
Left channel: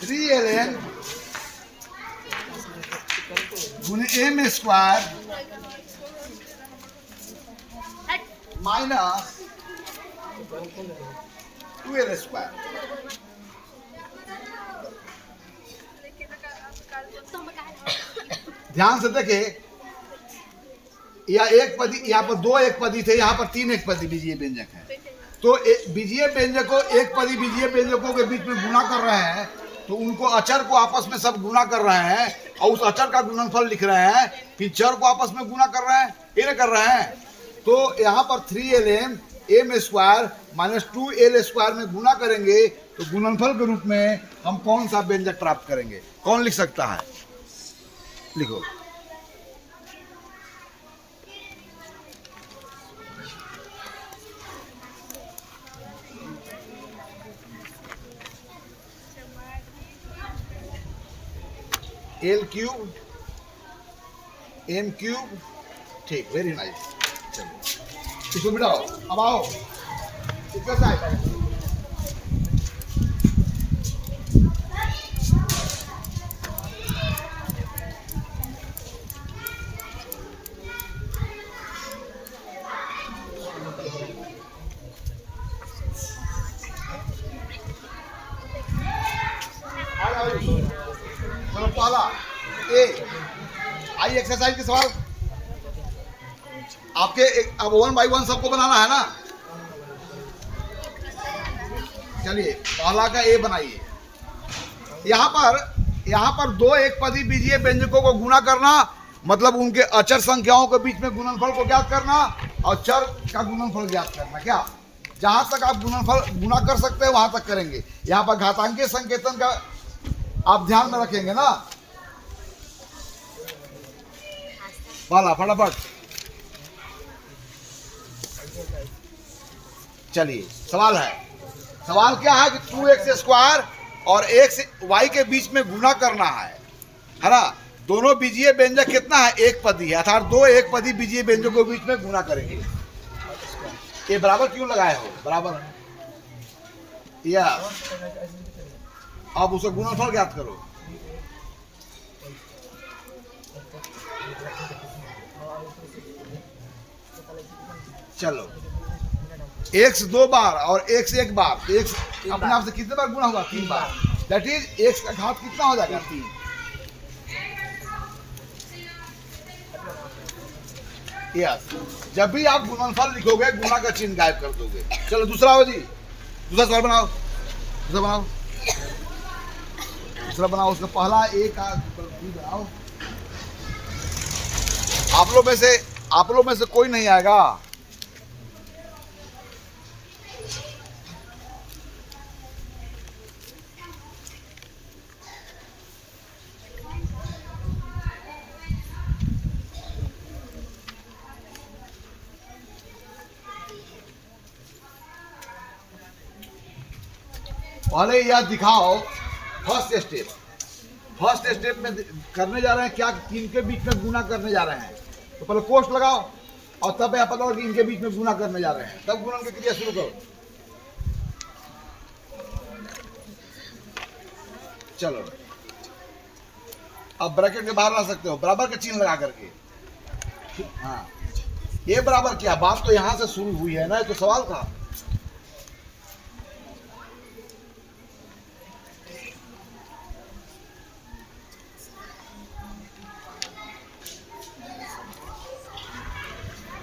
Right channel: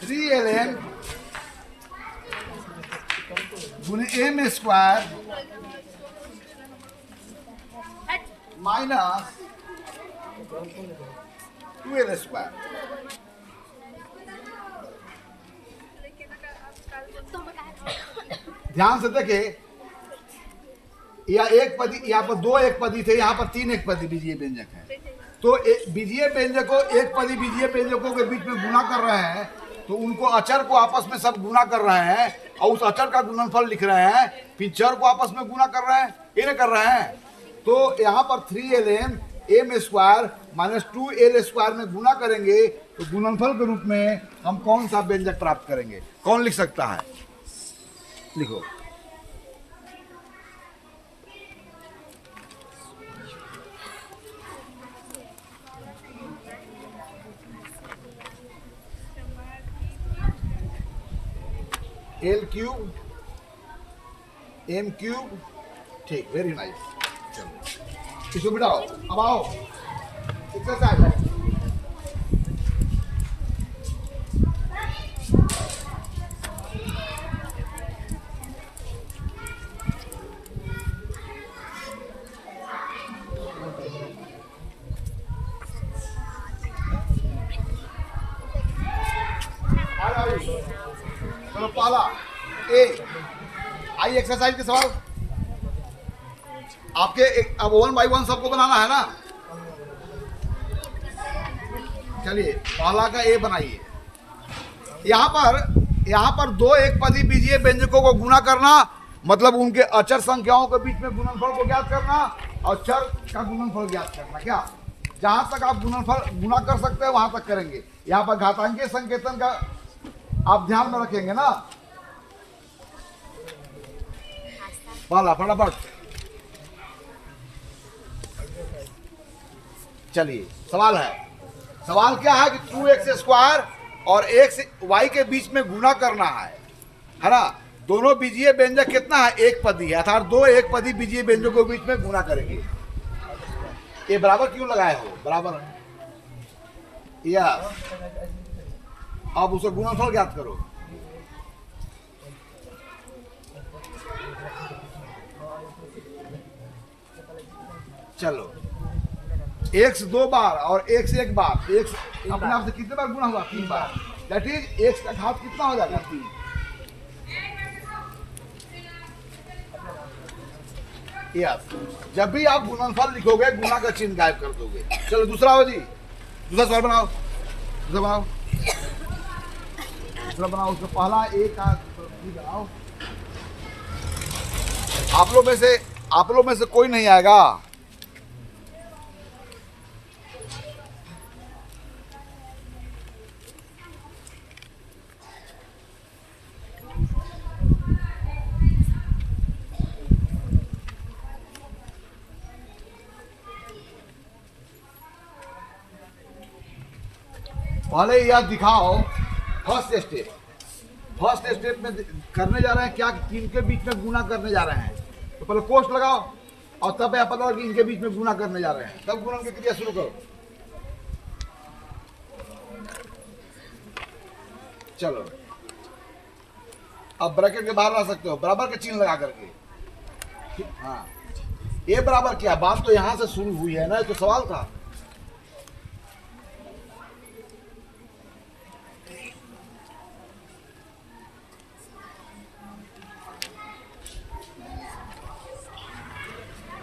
थ्री ln गुने m² माइनस 2l²। ध्यान से देखें, या एक पदी, यहाँ पर दो एक पदी थे, यहाँ पर 3 एक पदी बीजीय व्यंजक है। तो बीजीय व्यंजकों, एक पदी बीजीय व्यंजकों के बीच में गुना कर रहे हैं तो उनको अचर को आपस में सब गुना कर रहे हैं और उस अचर का गुणनफल लिख रहे हैं, फिर चर को आपस में गुना कर रहे हैं, ये कर रहे हैं। तो यहाँ पर 3ln m² माइनस 2l² में गुना करेंगे तो गुणनफल के रूप में हम कौन सा व्यंजक प्राप्त करेंगे? कौन लिख सकता है? लिखो। l³ m³। ठीक, वेरी नाइस। चलो इसको बिठाओ, अब आओ एक्सरसाइज। चलो पहला ए, आइए एक्सरसाइज के सवाल आपके अब 1 बाई 1 सबको बनाना है ना। चलिए पहला का ए बनाइए। यहाँ पर दो एक पदी बीजीय व्यंजकों को गुना करना मतलब उनके अचर संख्याओं के बीच में गुणनफल को ज्ञात करना और चर का गुणनफल ज्ञात करना। क्या जहां तक आप गुणनफल गुना कर सकते हैं वहां तक करेंगे। यहाँ पर घातांकीय संकेतन का आप ध्यान में रखेंगे ना। वाला फटाफट। चलिए सवाल है, सवाल क्या है कि 2x² और x y के बीच में गुना करना है ना। दोनों बीजीय व्यंजक कितना है? एक पदी है, अर्थात दो एक पदी बीजीय व्यंजकों के बीच में गुना करेंगे। ये बराबर क्यों लगाए हो? बराबर या अब उसे गुणनफल ज्ञात करो। चलो x 2 बार और x 1 बार, x अपने आप से कितने बार गुना हुआ? 3 बार। दैट इज x का घात कितना हो जाएगा? 3। यस, जब भी आप गुणनफल लिखोगे गुना का चिन्ह गायब कर दोगे। चलो दूसरा हो जी, दूसरा सवाल बनाओ। दूसरा बनाओ, दूसरा बनाओ। उसका पहला ए का बनाओ। आप लोग में से कोई नहीं आएगा। पहले यह दिखाओ फर्स्ट स्टेप। फर्स्ट स्टेप में करने जा रहे हैं क्या, कि इनके बीच में गुना करने जा रहे हैं। तो पहले कोष्ट लगाओ और तब यह पता हो कि इनके बीच में गुना करने जा रहे हैं, तब गुणन की क्रिया शुरू करो। चलो अब ब्रैकेट के बाहर ला सकते हो बराबर का चिन्ह लगा करके। हाँ ये बराबर क्या, बात तो यहां से शुरू हुई है ना, तो सवाल था।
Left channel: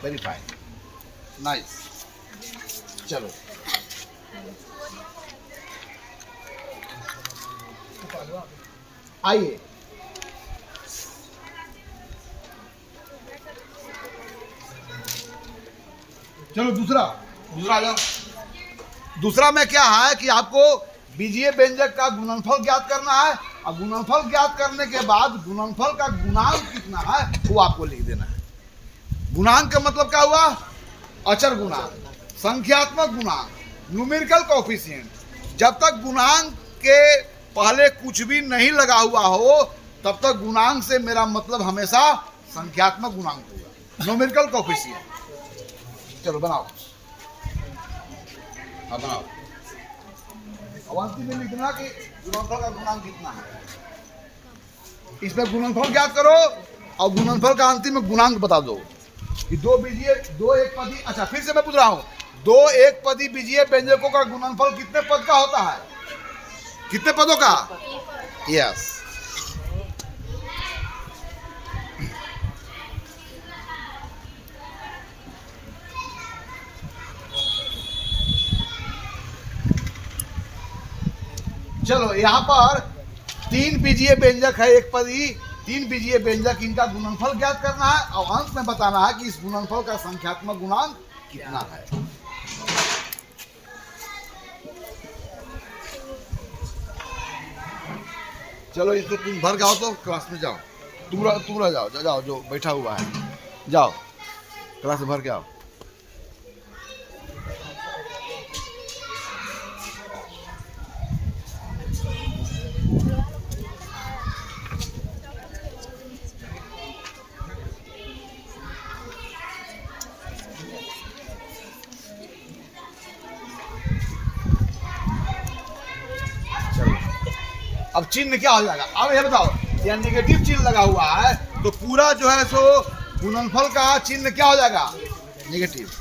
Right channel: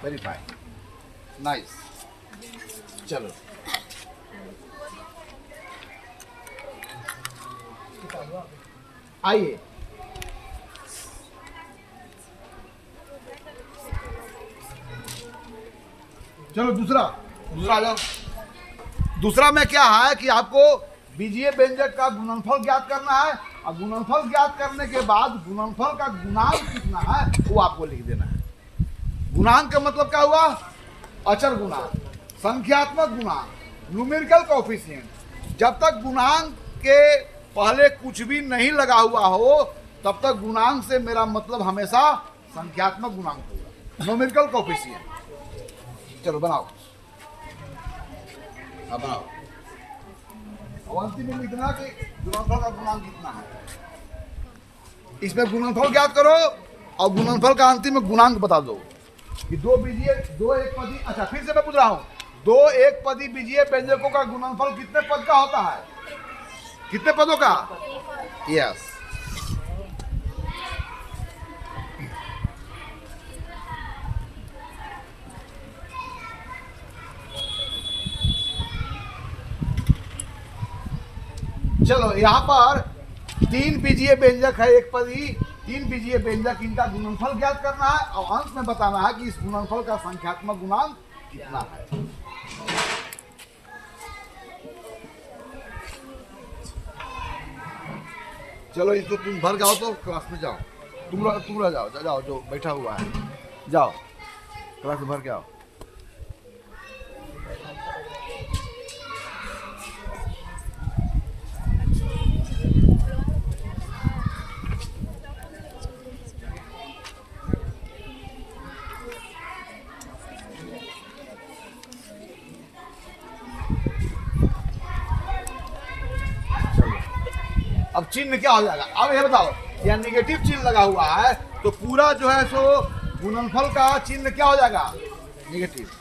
Very fine, nice. चलो आइए, चलो दूसरा आ जाओ। दूसरा में क्या है कि आपको बीजीय व्यंजक का गुणनफल ज्ञात करना है, और गुणनफल ज्ञात करने के बाद गुणनफल का गुणांक कितना है वो आपको लिख देना है। गुणांक का मतलब क्या हुआ, अचर गुणांक, संख्यात्मक गुणांक, न्यूमेरिकल कोएफिशिएंट। जब तक गुणांक के पहले कुछ भी नहीं लगा हुआ हो तब तक गुणांक से मेरा मतलब हमेशा संख्यात्मक गुणांक होगा, न्यूमेरिकल कोएफिशिएंट। चलो बनाओ, हाँ बनाओ। अब अंतिम में लिखना कि गुणनफल का गुणांक कितना है, इसमें गुणनफल ज्ञात करो और गुणनफल का अंतिम में गुणांक बता दो कि दो एक पदी। अच्छा फिर से मैं पूछ रहा हूँ, दो एक पदी बीजीय व्यंजकों का गुणनफल कितने पद का होता है, कितने पदों का? यस। चलो यहाँ पर तीन बीजीय व्यंजक है, एक पदी, तीन बीजीय व्यंजक, इनका गुणनफल ज्ञात करना है और अंत में बताना है कि इस गुणनफल का संख्यात्मक गुणांक कितना है। चलो इसको तुम भर जाओ, तो क्लास में जाओ, तुम रह जाओ, जाओ जो बैठा हुआ है, जाओ क्लास में भर के आओ। अब चिन्ह क्या हो जाएगा, अब ये बताओ, यह नेगेटिव चिन्ह लगा हुआ है तो पूरा जो है सो गुणनफल का चिन्ह क्या हो जाएगा, नेगेटिव।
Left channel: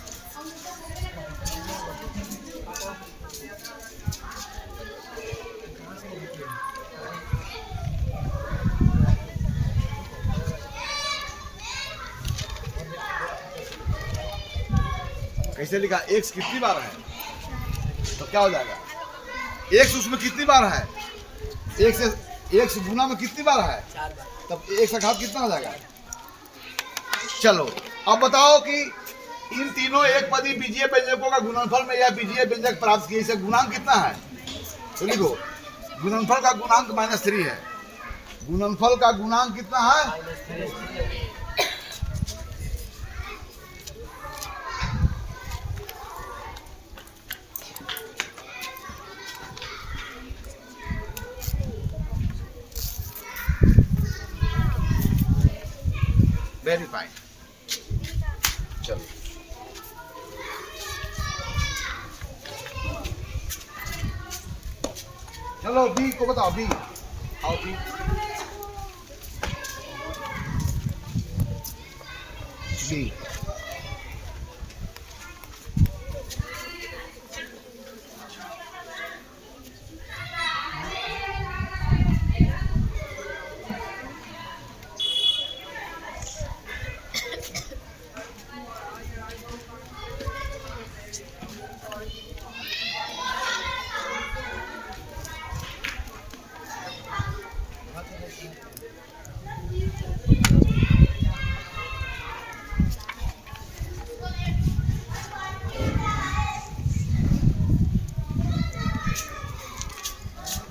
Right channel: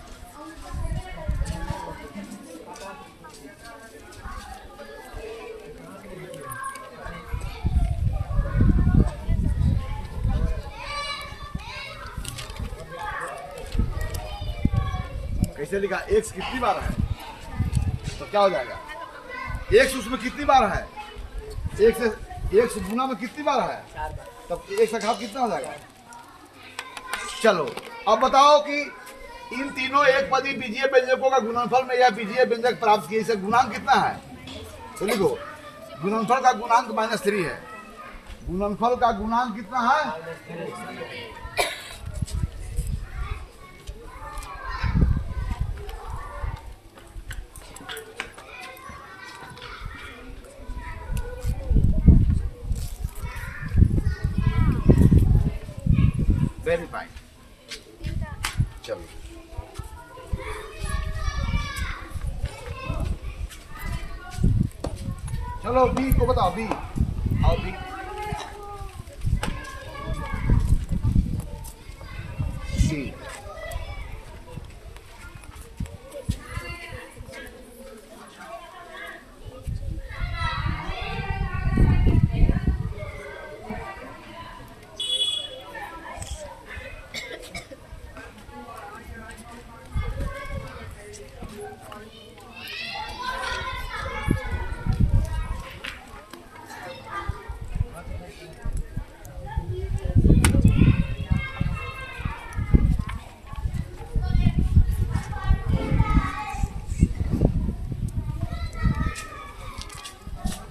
कैसे लिखा, एक्स कितनी बार है तो क्या हो जाएगा, एक्स उसमें कितनी बार है, एक से गुना में कितनी बार है, तब एक से घात कितना हो जाएगा। चलो अब बताओ कि इन तीनों एक पदी बीजीय व्यंजकों का गुणनफल में यह बीजीय व्यंजक प्राप्त किए, इसे गुणांक कितना है, तो लिखो गुणनफल का गुणांक -3 है। गुणनफल का गुणांक कितना है, वेरी फाइन। चलो चलो बी को बताओ, बी आओ, बी बी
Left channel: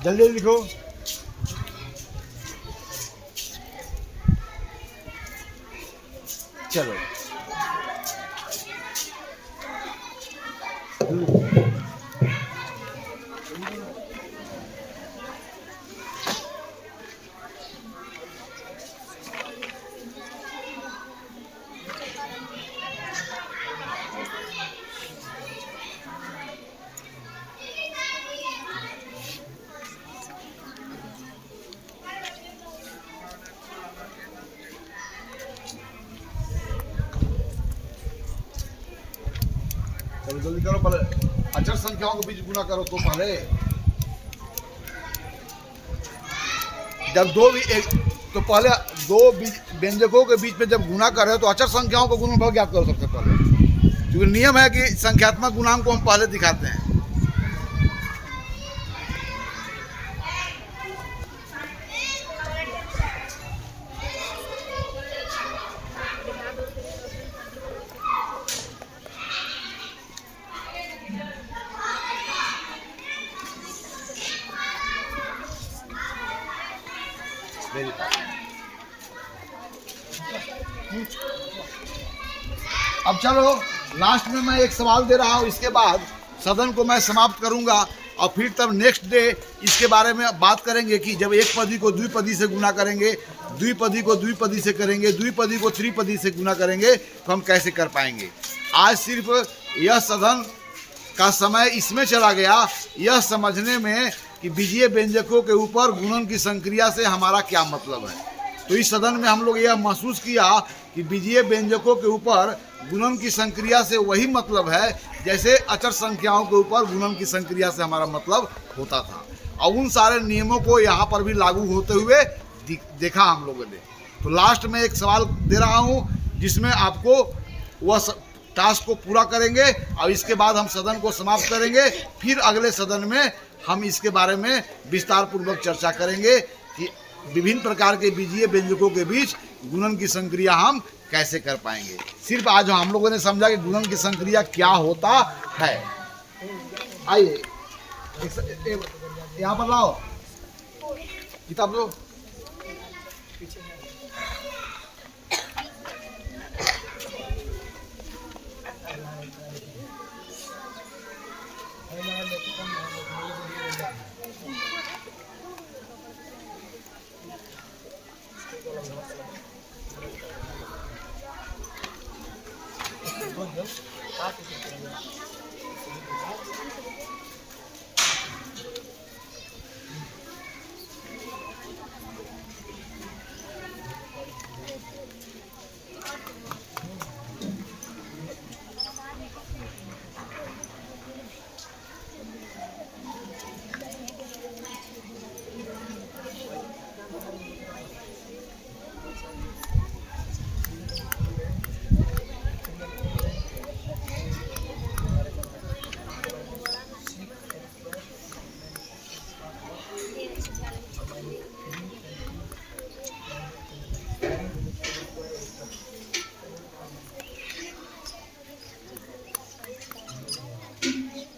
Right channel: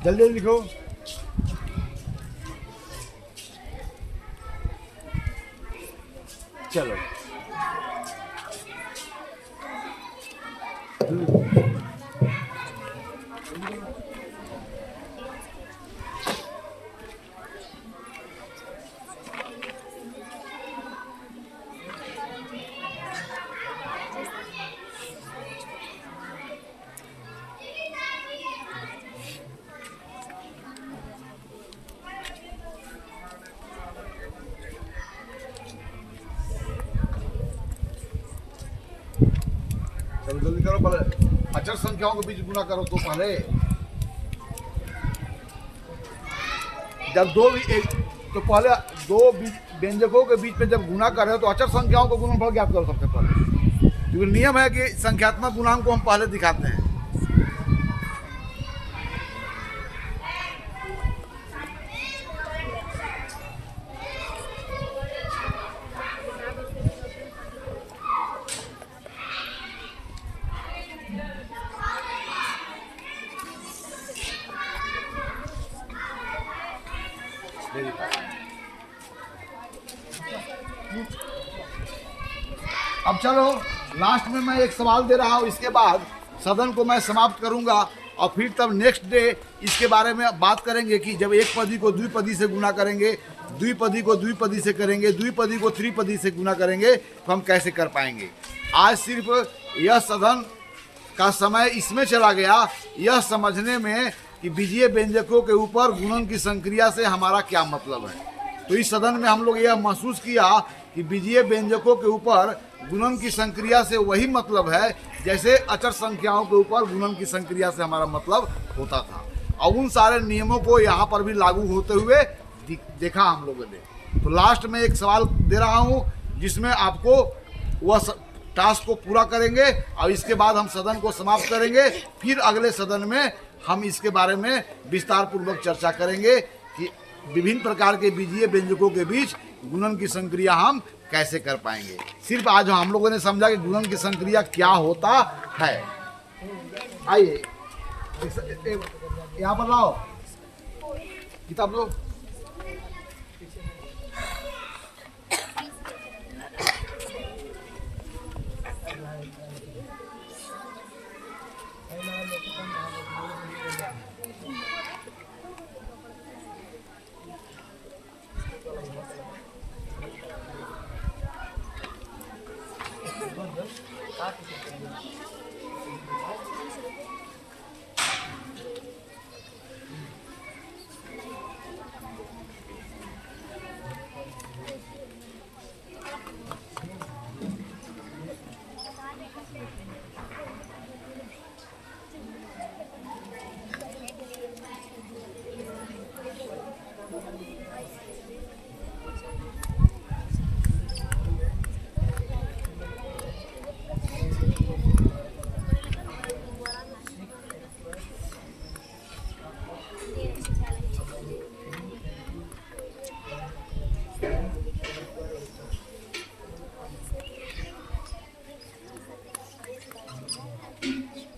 जल्दी लिखो। चलो चलो जल्दी करो, पहले अचर संख्याओं के बीच गुना करो। तो पहले जब तो पहले दो व्यंजकों के बीच में जब गुना कर रहे हो तो अचर संख्याओं को गुणनफल ज्ञात करो सबसे पहले, क्योंकि नियम है कि संख्यात्मक गुणांक को हम पहले दिखाते हैं। अब चलो लास्ट में मैं एक सवाल दे रहा हूं, इसके बाद सदन को मैं समाप्त करूंगा और फिर तब नेक्स्ट डे इसके बारे में बात करेंगे कि जब एक पदी को द्विपदी से गुना करेंगे, द्विपदी को द्विपदी से करेंगे, द्विपदी को त्रिपदी से गुना करेंगे तो हम कैसे कर पाएंगे। आज सिर्फ यह सदन का समय इसमें चला गया यह समझने में कि बीजीय व्यंजकों के ऊपर गुणन की संक्रिया से हमारा क्या मतलब है। तो इस सदन में हम लोग यह महसूस किया कि बीजीय व्यंजकों के ऊपर गुणन की संक्रिया से वही मतलब है जैसे अचर संख्याओं के ऊपर गुणन की संक्रिया से हमारा मतलब होता था, और उन सारे नियमों को यहाँ पर भी लागू होते हुए देखा हम लोगों ने। तो लास्ट में एक सवाल दे रहा हूँ जिसमें आपको वह टास्क को पूरा करेंगे और इसके बाद हम सदन को समाप्त करेंगे। फिर अगले सदन में हम इसके बारे में विस्तार पूर्वक चर्चा करेंगे कि विभिन्न प्रकार के बीजीय व्यंजकों के बीच गुणन की संक्रिया हम कैसे कर पाएंगे। सिर्फ आज हम लोगों ने समझा कि गुणन की संक्रिया क्या होता है। आइए यहाँ पर लाओ किताब लो।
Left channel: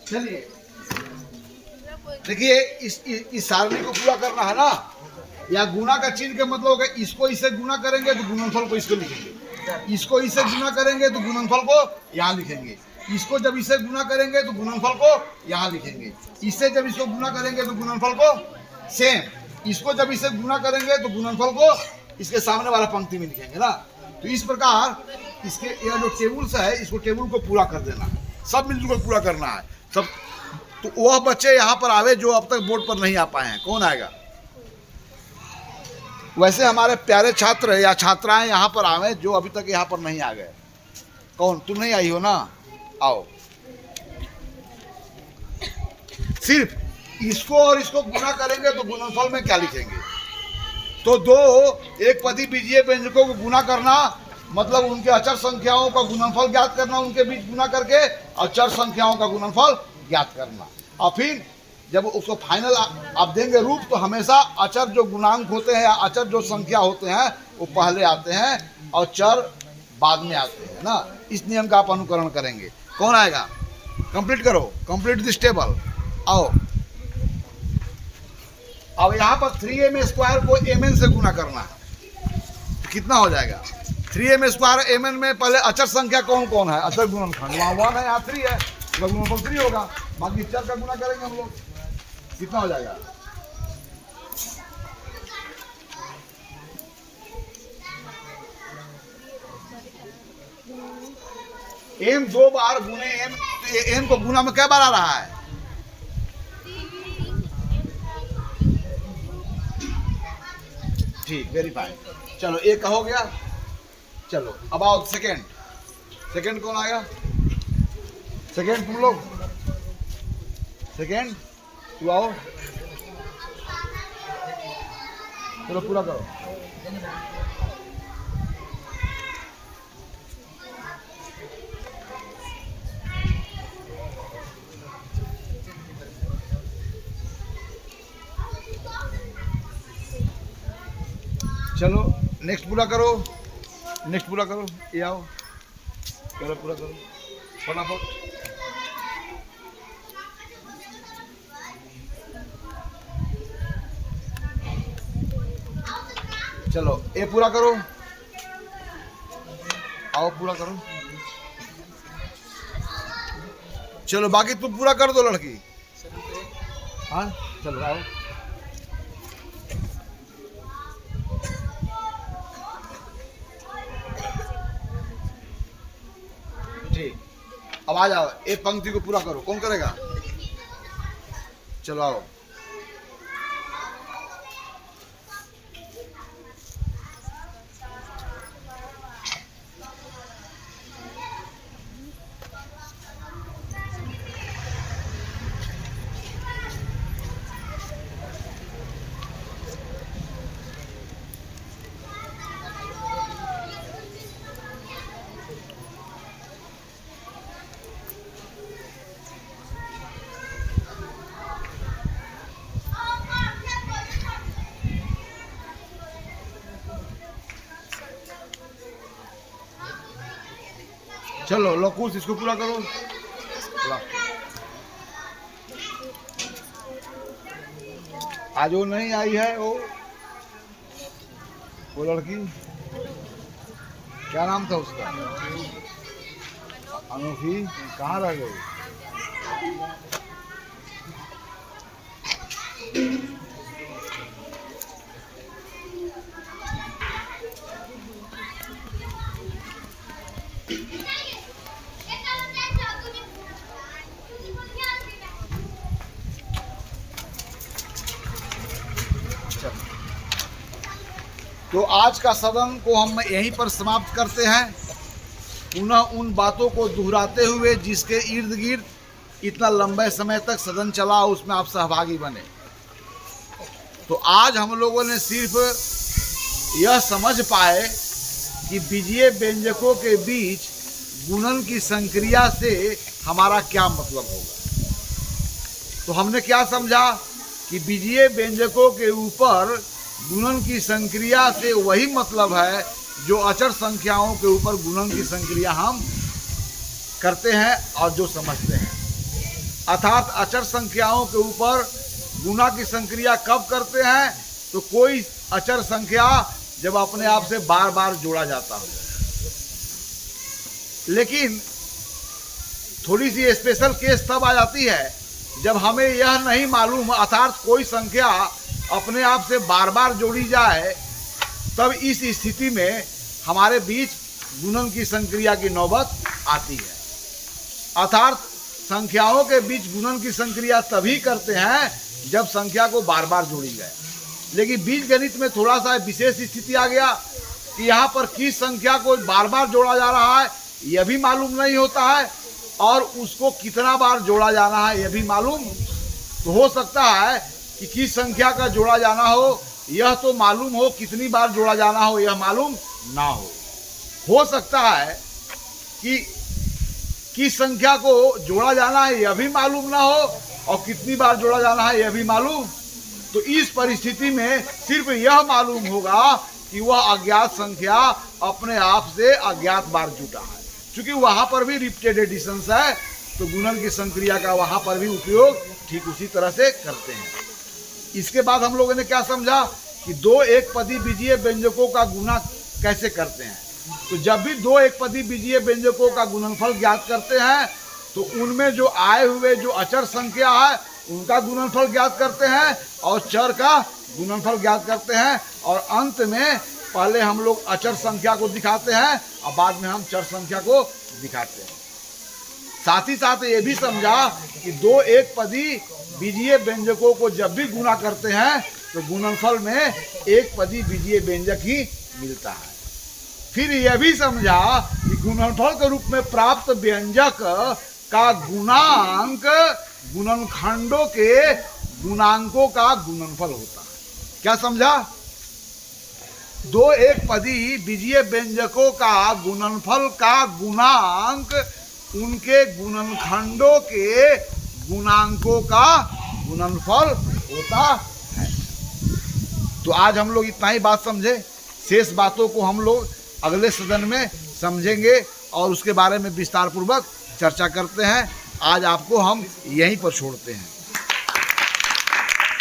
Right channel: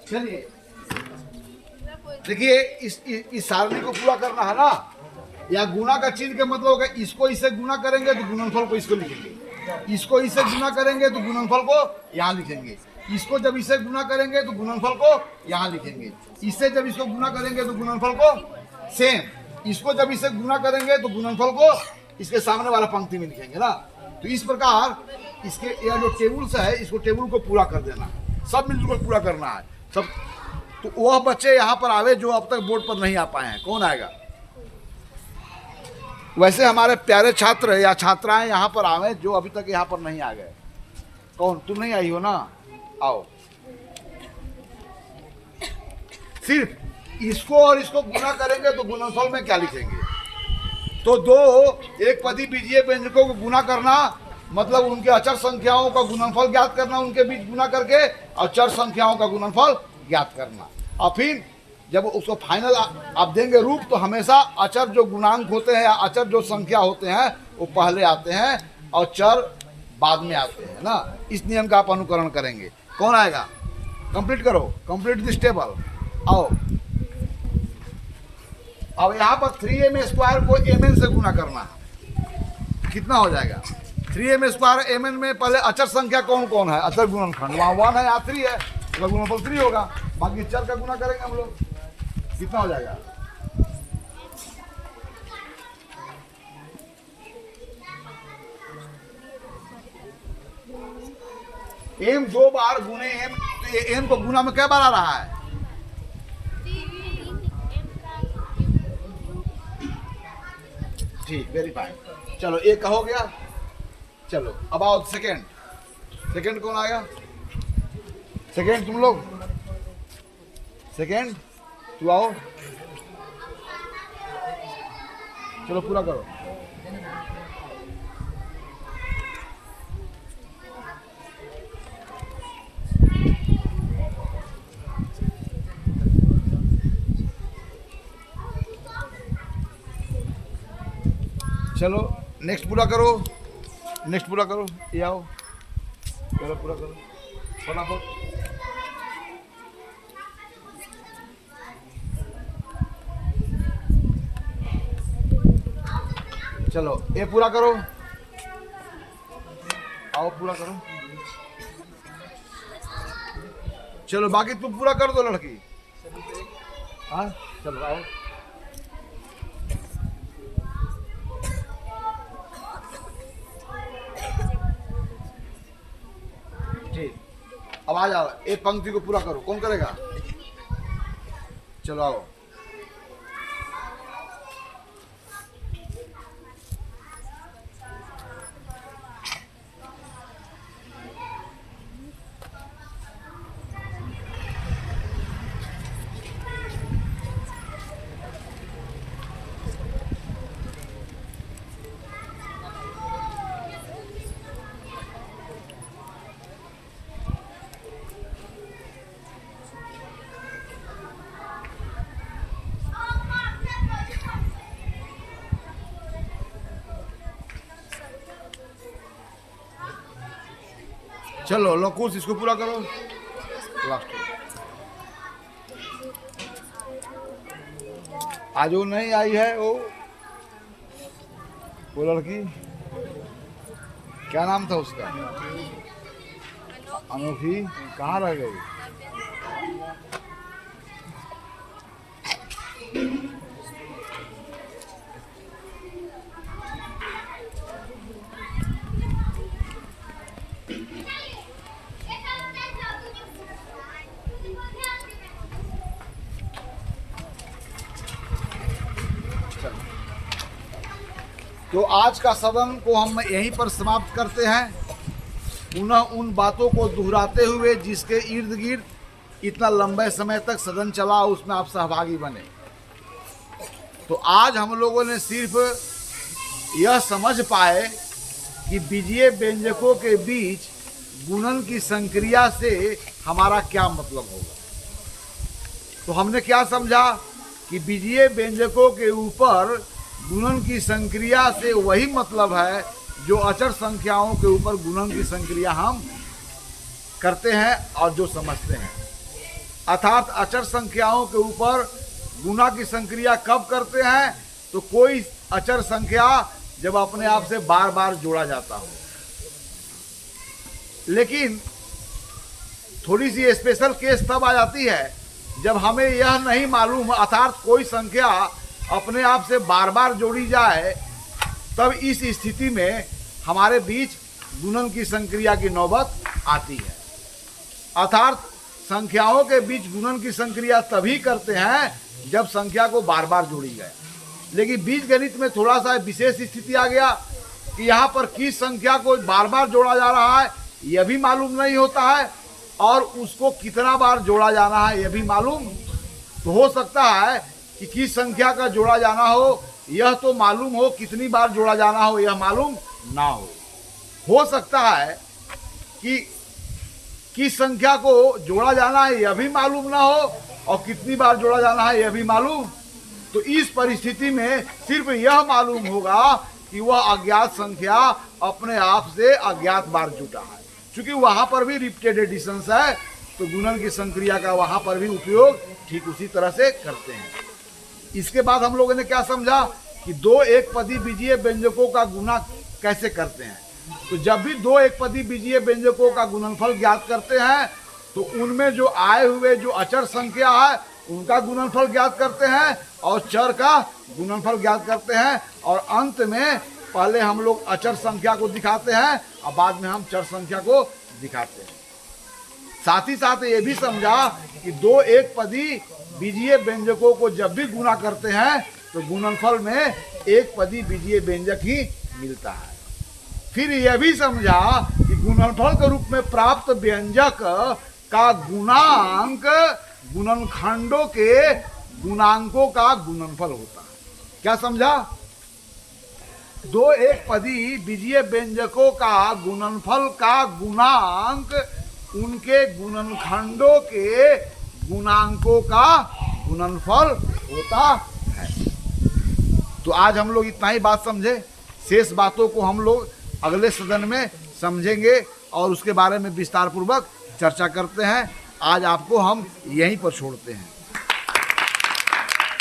चलिए देखिए इस सारणी को पूरा करना है ना। या गुना का चिन्ह का मतलब होगा इसको इससे गुना करेंगे तो गुणनफल को इसको लिखेंगे, इसको इससे गुना करेंगे तो गुणनफल को यहाँ लिखेंगे, इसको जब इससे गुना करेंगे तो गुणनफल को यहाँ लिखेंगे, इससे जब इसको गुना करेंगे तो गुणनफल को सेम, इसको जब इससे गुना करेंगे तो गुणनफल को इसके सामने वाला पंक्ति में लिखेंगे ना। तो इस प्रकार इसके यह जो टेबल्स है इसको टेबल को पूरा कर देना है, सब मिलजुल कर पूरा करना है सब। तो वह बच्चे यहाँ पर आवे जो अब तक बोर्ड पर नहीं आ पाए हैं। कौन आएगा? वैसे हमारे प्यारे छात्र या छात्राएं यहाँ पर आवे जो अभी तक यहाँ पर नहीं आ गए। कौन? तुम नहीं आई हो ना? आओ। सिर्फ इसको और इसको गुना करेंगे तो गुणनफल में क्या लिखेंगे? तो दो एक पदी बीजीय व्यंजकों को गुना करना मतलब उनके अचर संख्याओं का गुणनफल ज्ञात करना, उनके बीच गुना करके और चर संख्याओं का गुणनफल ज्ञात करना। और फिर जब उसको फाइनल आप देंगे रूप तो हमेशा अचर जो गुणांक होते हैं या अचर जो संख्या होते हैं वो पहले आते हैं और चर बाद में आते हैं ना। इस नियम का आप अनुकरण करेंगे। कौन आएगा? कंप्लीट करो, कंप्लीट दिस टेबल। आओ अब यहाँ पर 3m² को mn से गुना करना कितना हो जाएगा? 3m² mn में पहले अचर संख्या कौन कौन है? अचर गुणनखंड वहाँ 1 है, यहाँ 3 है, गुणनफल 3 होगा। बाकी चर का गुना करेंगे हम लोग, कितना हो जाएगा? m 2 बार गुने m को गुना में क्या बार आ रहा है? ठीक, वेरी फाइन। चलो एक का हो गया। चलो अब आओ सेकंड कौन आएगा? सेकेंड तुम लोग, सेकेंड तू आओ, चलो पूरा करो। चलो नेक्स्ट पूरा करो, नेक्स्ट पूरा करो, ये आओ, चलो पूरा करो फटाफट। चलो ये पूरा करो, आओ पूरा करो। चलो बाकी तुम पूरा कर दो लड़की। हाँ चलो आओ। ठीक, अब आ जाओ, एक पंक्ति को पूरा करो। कौन करेगा? चलो आओ। चलो लकुश इसको पूरा करो। आज वो नहीं आई है, वो लड़की, क्या नाम था उसका? अनूठी। कहाँ रह गई? तो आज का सदन को हम यहीं पर समाप्त करते हैं, पुनः उन बातों को दोहराते हुए जिसके इर्द गिर्द इतना लंबे समय तक सदन चला, उसमें आप सहभागी बने। तो आज हम लोगों ने सिर्फ यह समझ पाए कि बीजीय व्यंजकों के बीच गुणन की संक्रिया से हमारा क्या मतलब होगा। तो हमने क्या समझा कि बीजीय व्यंजकों के ऊपर गुणन की संक्रिया से वही मतलब है जो अचर संख्याओं के ऊपर गुणन की संक्रिया हम करते हैं और जो समझते हैं। अर्थात अचर संख्याओं के ऊपर गुणा की संक्रिया कब करते हैं? तो कोई अचर संख्या जब अपने आप से बार बार जोड़ा जाता हो। लेकिन थोड़ी सी स्पेशल केस तब आ जाती है जब हमें यह नहीं मालूम, अर्थात कोई संख्या अपने आप से बार बार जोड़ी जाए, तब इस स्थिति में हमारे बीच गुणन की संक्रिया की नौबत आती है। अर्थात संख्याओं के बीच गुणन की संक्रिया तभी करते हैं जब संख्या को बार बार जोड़ी गया। लेकिन बीजगणित में थोड़ा सा विशेष स्थिति आ गया कि यहाँ पर किस संख्या को बार बार जोड़ा जा रहा है यह भी मालूम नहीं होता है, और उसको कितना बार जोड़ा जाना है यह भी मालूम। तो हो सकता है कि किस संख्या का जोड़ा जाना हो यह तो मालूम हो, कितनी बार जोड़ा जाना हो यह मालूम ना हो सकता है कि किस संख्या को जोड़ा जाना है यह भी मालूम ना हो और कितनी बार जोड़ा जाना है यह भी मालूम। तो इस परिस्थिति में सिर्फ यह मालूम होगा कि वह अज्ञात संख्या अपने आप से अज्ञात बार जुटा है। क्योंकि वहाँ पर भी रिपीटेड एडिशंस है, तो गुणन की संक्रिया का वहाँ पर भी उपयोग ठीक उसी तरह से करते हैं। इसके बाद हम लोगों ने क्या समझा कि दो एक पदी बीजीय व्यंजकों का गुणा कैसे करते हैं। तो जब भी दो एक पदी बीजीय व्यंजकों का गुणनफल ज्ञात करते हैं तो उनमें जो आए हुए जो अचर संख्या है उनका गुणनफल ज्ञात करते हैं और चर का गुणनफल ज्ञात करते हैं, और अंत में पहले हम लोग अचर संख्या को दिखाते हैं और बाद में हम चर संख्या को दिखाते हैं। साथ ही साथ ये भी समझा कि दो एक पदी बीजीय व्यंजकों को जब भी गुणा करते हैं तो गुणनफल में एक पदी बीजीय व्यंजक ही मिलता है। फिर यह भी समझा कि गुणनफल के रूप में प्राप्त व्यंजक का गुणांक गुणनखंडों के गुणांकों का गुणनफल होता है। क्या समझा? दो एक पदी बीजीय व्यंजकों का गुणनफल का गुणांक उनके गुणनखंडों के गुणांकों का गुणनफल होता है। तो आज हम लोग इतना ही बात समझे। शेष बातों को हम लोग अगले सदन में समझेंगे और उसके बारे में विस्तार पूर्वक चर्चा करते हैं। आज आपको हम यहीं पर छोड़ते हैं।